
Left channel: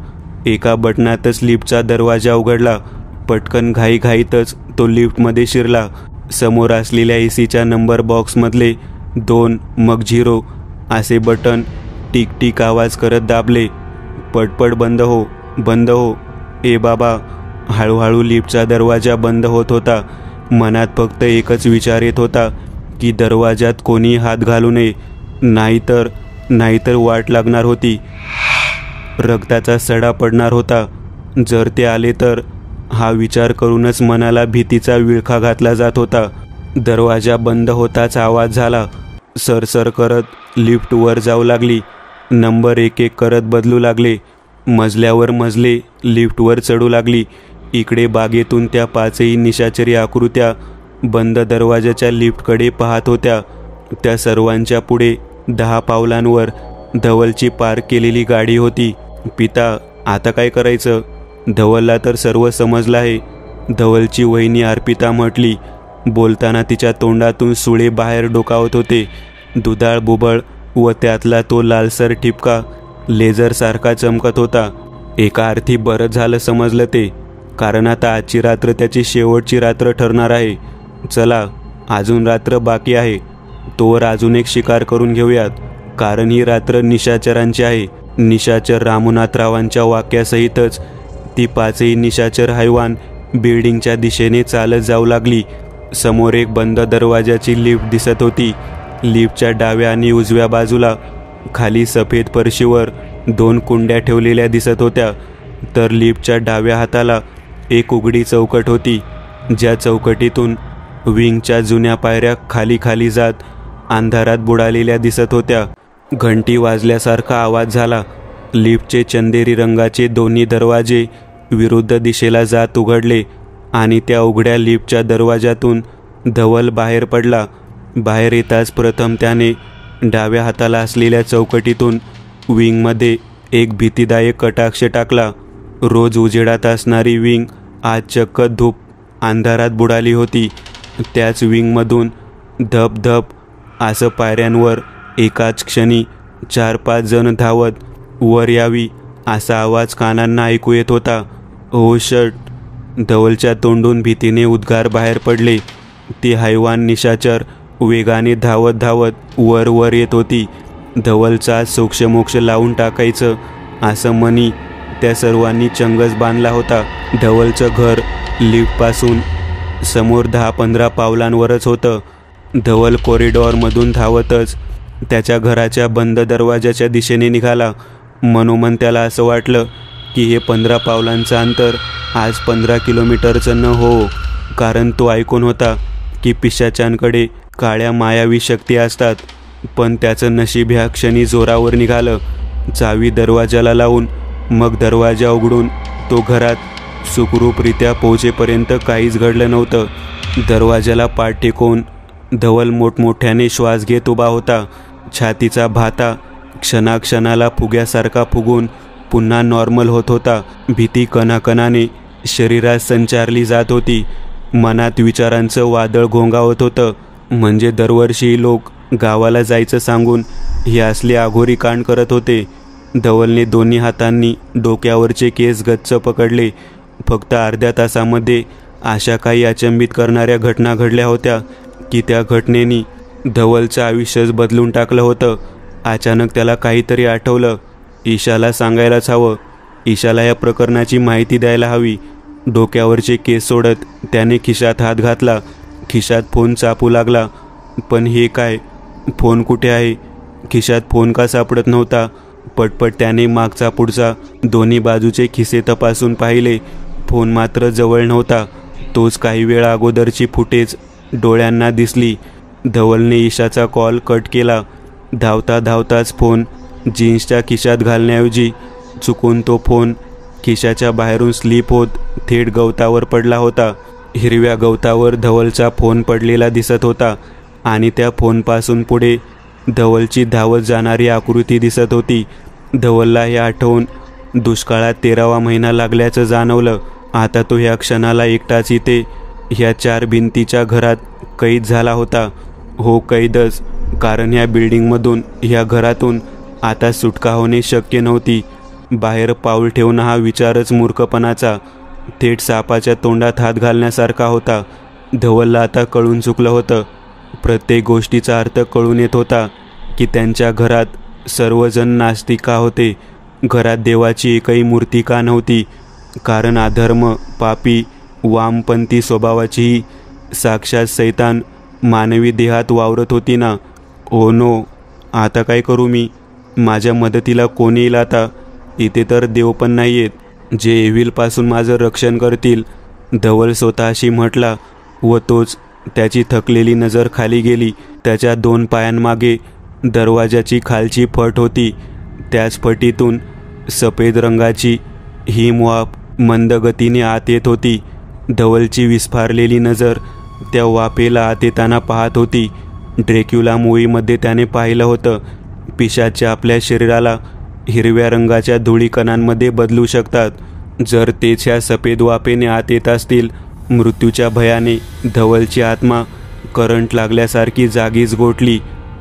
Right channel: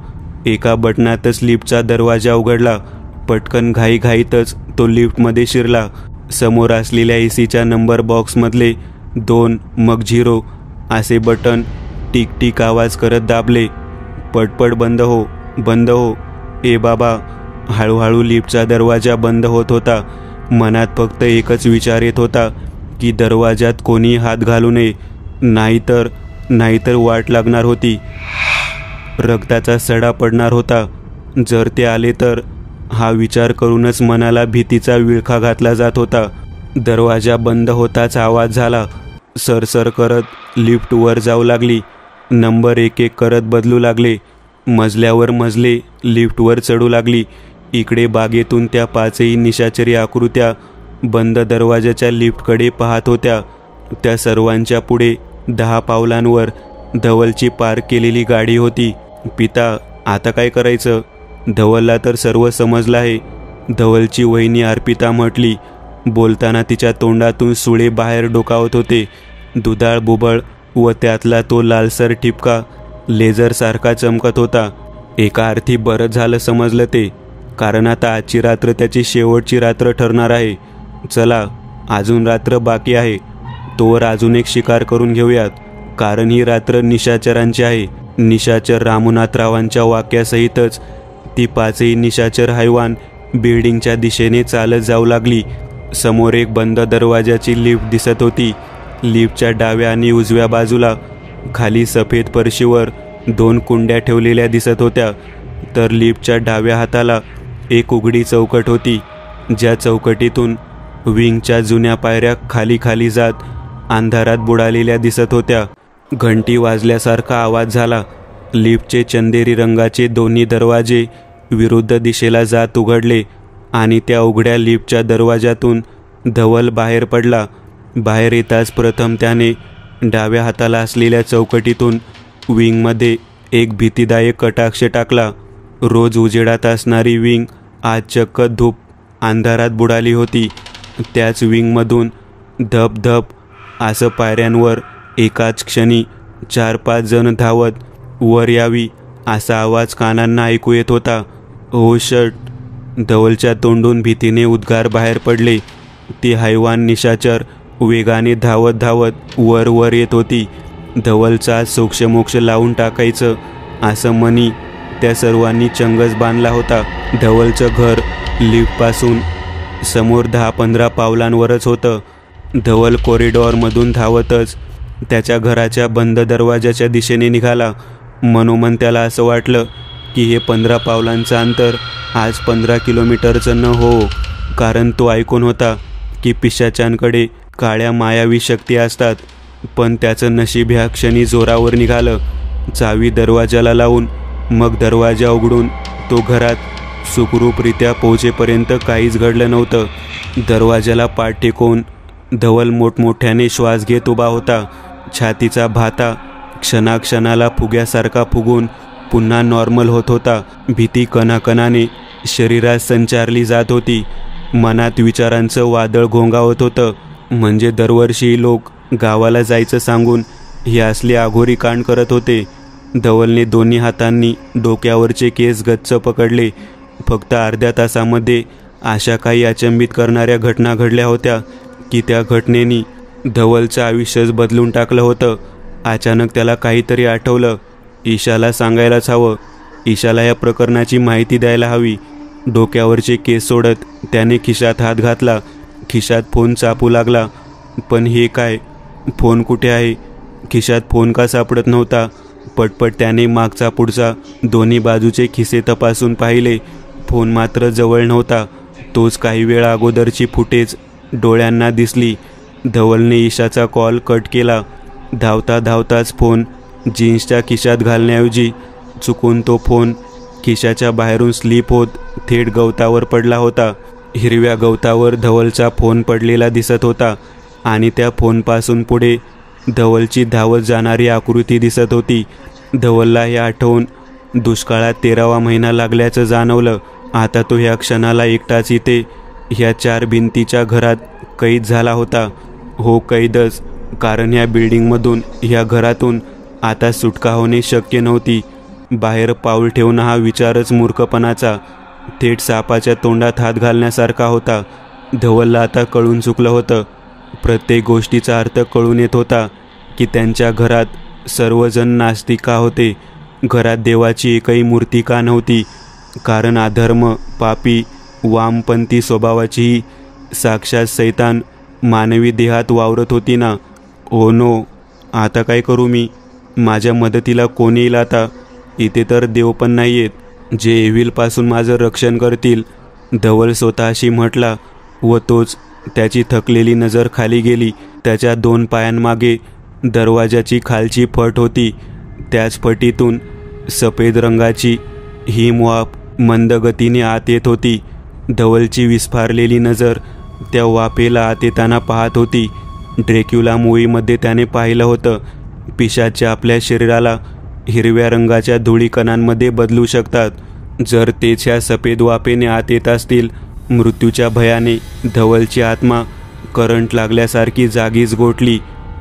एका बटनातच लिफ्टचा दरवाजा उघडला. पटकन घाईघाईतच तो लिफ्टमध्ये शिरला. समोर असलेल्या एसीच्या नंबर बॉक्समधले 2 मग 0 असे बटन टिक टिक आवाज करत दाबले. पटपट बंद हो, बंद हो. ए बाबा. हळूहळू लिफ्टचा दरवाजा बंद होत होता. मनात फक्त एकच विचार येत होता की दरवाजात कोणी हात घालू नये, नाहीतर वाट लागणार होती. रक्ताचा सडा पडणार होता. जर ते आले तर? हा विचार करूनच मनाला भीतीचा विळखा घातला जात होता. दरवाजा बंद होताच आवाज झाला. सरसर करत लिफ्ट वर जाऊ लागली. नंबर एक एक करत बदलू लागले. मजल्यावर मजले लिफ्टवर चढू लागली. इकडे बागेतून त्या पाचही निशाचरी आकृत्या बंद दरवाजाच्या लिफ्टकडे पाहत होत्या. त्या सर्वांच्या पुढे 10 पावलांवर धवलची पार्क केलेली गाडी होती. पिता, आता काय करायचं? धवलला तर सर्व समजलं आहे, धवलची वहिनी अर्पिता म्हटली. बोलताना तिच्या तोंडातून सुळे बाहेर डोकावत होते. दुधाळ बुबळ व त्यातला तो लालसर ठिपका लेझरसारखा चमकत होता. एका अर्थी बरंच झालं समजलं ते, कारण आता आजची रात्र त्याची शेवटची रात्र ठरणार आहे. चला, अजून रात्र बाकी आहे, तोवर अजून एक शिकार करून घेऊयात, कारण ही रात्र निशाचरांची आहे. निशाचर रामनाथरावांच्या वाक्यासहितच ती पाचही निशाचर हैवान बिल्डिंगच्या दिशेने चालत जाऊ लागली. समोर एक बंद दरवाजाची लिफ्ट दिसत होती. लिफ्टच्या डाव्या आणि उजव्या बाजूला खाली सफेद फरशीवर 2 कुंड्या ठेवलेल्या दिसत होत्या. तर लिफ्टच्या डाव्या हाताला एक उघडी चौकट होती, ज्या चौकटीतून विंगच्या जुन्या पायऱ्या खाली खाली जात अंधारात बुडालेल्या दिसत होत्या. घंटी वाजल्यासारखा आवाज झाला. लिफ्टचे चंदेरी रंगाचे दोन्ही दरवाजे विरुद्ध दिशेला जात उघडले आणि त्या उघड्या लिफ्टच्या दरवाजातून धवल बाहेर पडला. बाहेर येताच प्रथम त्याने डाव्या हाताला असलेल्या चौकटीतून विंगमध्ये एक भीतीदायक कटाक्ष टाकला. रोज उजेडात असणारी विंग आज चक्क धूप अंधारात बुडाली होती. त्याच विंगमधून धप धप असं पायऱ्यांवर एकाच क्षणी 4-5 जण धावत वर यावी असा आवाज कानांना ऐकू येत होता. ओ शट! धवलच्या तोंडून भीतीने उद्गार बाहेर पडले. ती हैवान निशाचर वेगाने धावत धावत वर वर येत होती. धवलचा सोक्षमोक्ष लावून टाकायचं असं मनी त्या सर्वांनी चंगच बांधला होता. धवलचं घर लिफ्टपासून समोर 10-15 पावलांवरच होतं. धवल कॉरिडॉरमधून धावतच त्याच्या घराच्या बंद दरवाजाच्या दिशेने निघाला. मनोमन त्याला असं वाटलं की हे 15 पावलांचं अंतर आज 15 किलोमीटरचं न हो, कारण तो ऐकून होता की पिशाच्यांकडे काळ्या मायावी शक्ती असतात. पण त्याचं नशीब ह्या क्षणी जोरावर निघालं. चावी दरवाजाला लावून मग दरवाजा उघडून तो घरात सुखरूपरित्या पोहोचेपर्यंत काहीच घडलं नव्हतं. दरवाजाला पाठ टेकवून धवल मोठमोठ्याने श्वास घेत उभा होता. छातीचा भाता क्षणाक्षणाला फुग्यासारखा फुगून पुन्हा नॉर्मल होत होता. भीती कणाकणाने शरीरात संचारली जात होती. मनात विचारांचं वादळ घोंगावत होतं. म्हणजे दरवर्षी लोक गावाला जायचं सांगून हे असले आघोरी कांड करत होते. धवलने दोन्ही हातांनी डोक्यावरचे केस गच्च पकडले. फक्त अर्ध्या तासामध्ये अशा काही अचंबित करणाऱ्या घटना घडल्या होत्या की त्या घटनेनी धवलचं आयुष्यच बदलून टाकलं होतं. अचानक त्याला काहीतरी आठवलं. ईशाला सांगायलाच हवं. ईशाला या प्रकरणाची माहिती द्यायला हवी. डोक्यावरचे केस सोडत त्याने खिशात हात घातला. खिशात फोन चापू लागला. पण हे काय? फोन कुठे आहे? खिशात फोन का सापडत नव्हता? पटपट त्याने मागचा पुढचा दोन्ही बाजूचे खिसे तपासून पाहिले. फोन मात्र जवळ नव्हता. तोच काही वेळा अगोदरची फुटेज डोळ्यांना दिसली. धवलने ईशाचा कॉल कट केला. धावता धावताच फोन जीन्सच्या खिशात घालण्याऐवजी चुकून तो फोन खिशाच्या बाहेरून स्लिप होत थेट गवतावर पडला होता. हिरव्या गवतावर धवलचा फोन पडलेला दिसत होता आणि त्या फोनपासून पुढे धवलची धावत जाणारी आकृती दिसत होती. धवलला हे आठवून दुष्काळात 13वा महिना लागल्याचं जाणवलं. आता तो ह्या क्षणाला एकटाच इथे ह्या 4 भिंतीच्या घरात कैद झाला होता. हो, कैदच, कारण ह्या बिल्डिंगमधून ह्या घरातून आता सुटका होणे शक्य नव्हती. बाहेर पाऊल ठेवणं हा विचारच मूर्खपणाचा, थेट सापाच्या तोंडात हात घालण्यासारखा होता. धवलला आता कळून चुकलं होतं. प्रत्येक गोष्टीचा अर्थ कळून येत होता की त्यांच्या घरात सर्वजण नास्तिक का होते. घरात देवाची एकही मूर्ती का नव्हती? कारण अधर्म, पापी, वामपंथी स्वभावाचीही साक्षात सैतान मानवी देहात वावरत होती ना. ओ नो, आता काय करू मी? माझ्या मदतीला कोण येईल आता? इथे तर देव पण नाहीयेत जे एव्हिलपासून माझं रक्षण करतील, धवल स्वतःशी म्हटला. व तोच त्याची थकलेली नजर खाली गेली. त्याच्या 2 पायांमागे दरवाजाची खालची फट होती. त्याच फटीतून सफेद रंगाची हिमवाफ मंद गतीने आत येत होती. धवलची विस्फारलेली नजर त्या वाफेला आत येताना पाहत होती. ड्रॅक्युला मूव्हीमध्ये त्याने पाहिलं होतं, पिशाचे आपल्या शरीराला हिरव्या रंगाच्या धुळीकणांमध्ये बदलू शकतात. जर तेच ह्या सफेद वाफेने आत येत असतील, मृत्यूच्या भयाने धवलची आत्मा करंट लागल्यासारखी जागीच गोठली.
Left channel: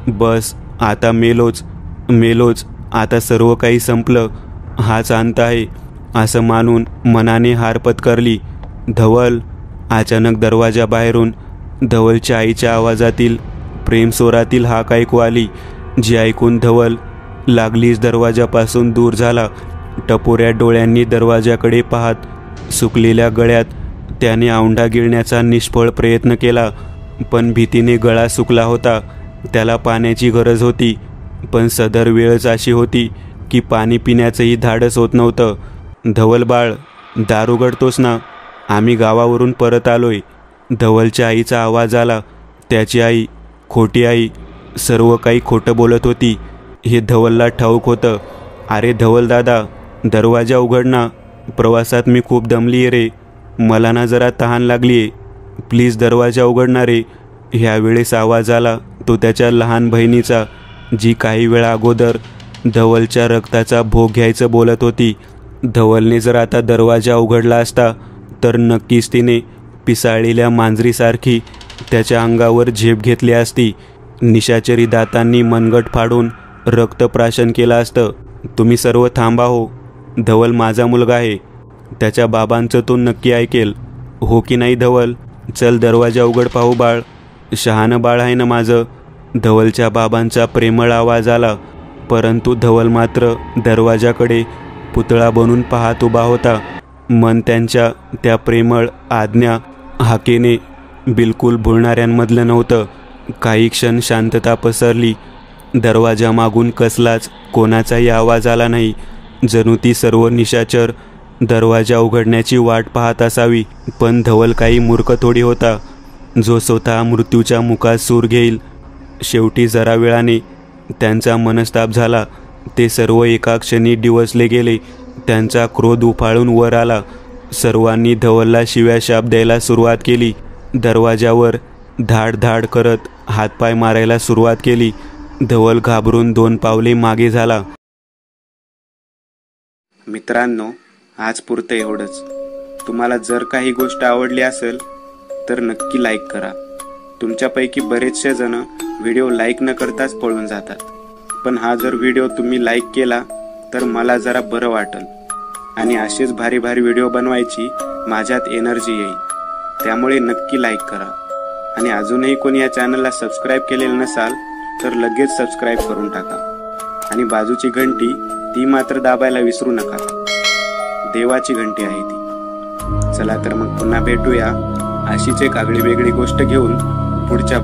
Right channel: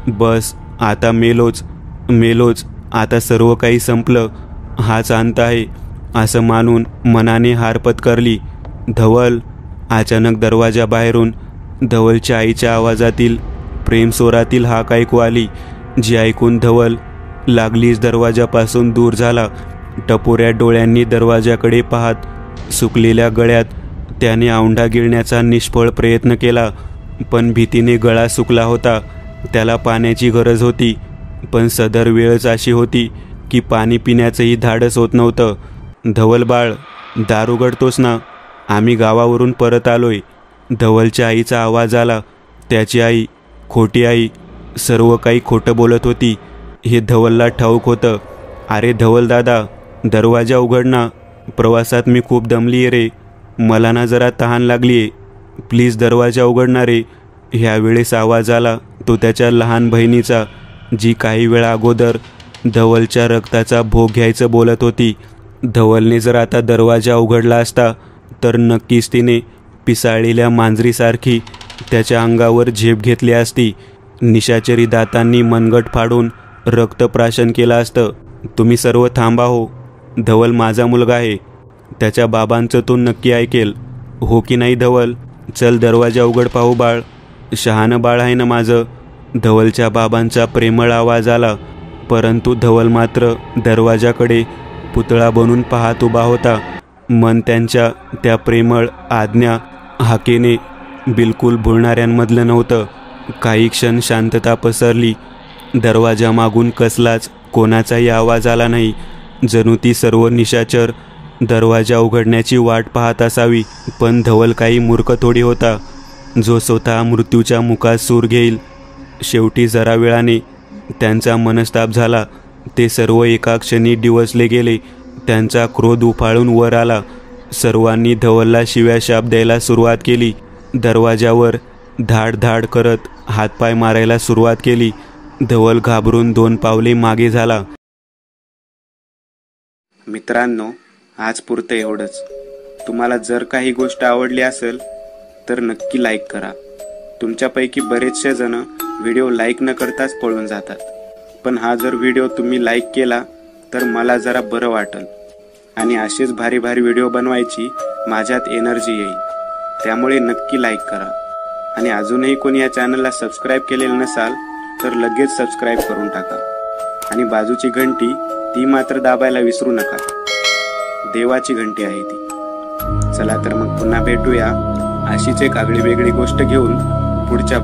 बस, आता मेलोच, आता सर्व काही संपलं, हाच अंत आहे असं मानून मनाने हार पत्करली. धवल. अचानक दरवाजा बाहेरून धवलच्या आईच्या आवाजातील प्रेमस्वरातील हाक ऐकू आली, जी ऐकून धवल लागलीच दरवाजापासून दूर झाला. टपोऱ्या डोळ्यांनी दरवाजाकडे पाहत सुकलेल्या गळ्यात त्याने औंढा गिळण्याचा निष्फळ प्रयत्न केला, पण भीतीने गळा सुकला होता. त्याला पाण्याची गरज होती, पण सदर वेळच अशी होती की पाणी पिण्याचंही धाडस होत नव्हतं. धवल बाळ, दार उघडतोस ना? आम्ही गावावरून परत आलोय. धवलच्या आईचा आवाज आला. त्याची आई, खोटी आई, सर्व काही खोटं बोलत होती हे धवलला ठाऊक होतं. अरे धवल दादा, दरवाजा उघड ना. प्रवासात मी खूप दमलीये रे. मला ना जरा तहान लागलीये. प्लीज दरवाजा उघडणार रे. ह्यावेळेस आवाज आला तो त्याच्या लहान बहिणीचा, जी काही वेळा अगोदर धवलच्या रक्ताचा भोग घ्यायचं बोलत होती. धवलने जर आता दरवाजा उघडला असता तर नक्कीच तिने पिसाळलेल्या मांजरीसारखी त्याच्या अंगावर झेप घेतली असती. निशाचरी दातांनी मनगट फाडून रक्तप्राशन केलं असतं. तुम्ही सर्व थांबा हो. धवल माझा मुलगा आहे. त्याच्या बाबांचं तो नक्की ऐकेल. हो की नाही धवल? चल दरवाजा उघड पाहू बाळ. शहाणं बाळ आहे ना माझं. धवलच्या बाबांचा प्रेमळ आवाज आला, परंतु धवल मात्र दरवाजाकडे पुतळा बनून पाहत उभा होता. मन त्यांच्या त्या प्रेमळ आज्ञा हाकेने बिलकुल भुलणाऱ्यांमधलं नव्हतं. काही क्षण शांतता पसरली. दरवाजामागून कसलाच कोणाचाही आवाज आला नाही. जणू ती सर्व निशाचर दरवाजा उघडण्याची वाट पाहत असावी. पण धवल काही मूर्ख थोडी होता, जो स्वतः मृत्यूच्या मुखात सूर घेईल. शेवटी जरा वेळाने त्यांचा मनस्ताप झाला. ते सर्व एका क्षणी डिवचले गेले. त्यांचा क्रोध उफाळून वर आला. सर्वांनी धवलला शिव्या शाप द्यायला सुरुवात केली. दरवाजावर धाड धाड करत हातपाय मारायला सुरुवात केली. धवल घाबरून 2 पावले मागे झाला. मित्रांनो, आज पुरतं एवढंच. तुम्हाला जर काही गोष्ट आवडली असेल तर नक्की लाईक करा. तुमच्यापैकी बरेचसे जण व्हिडिओ लाईक न करताच पळून जातात, पण हा जर व्हिडिओ तुम्ही लाईक केला तर मला जरा बरं वाटेल आणि असेच भारी भारी व्हिडिओ बनवायची माझ्यात एनर्जी येईल. त्यामुळे नक्की लाईक करा. आणि अजूनही कोणी या चॅनलला सबस्क्राईब केलेलं नसाल तर लगेच सबस्क्राईब करून टाका. आणि बाजूची घंटी ती मात्र दाबायला विसरू नका. देवाची घंटी आहे ती. चला तर मग पुन्हा भेटूया अशीच एक आगळी वेगळी गोष्ट घेऊन पुढच्या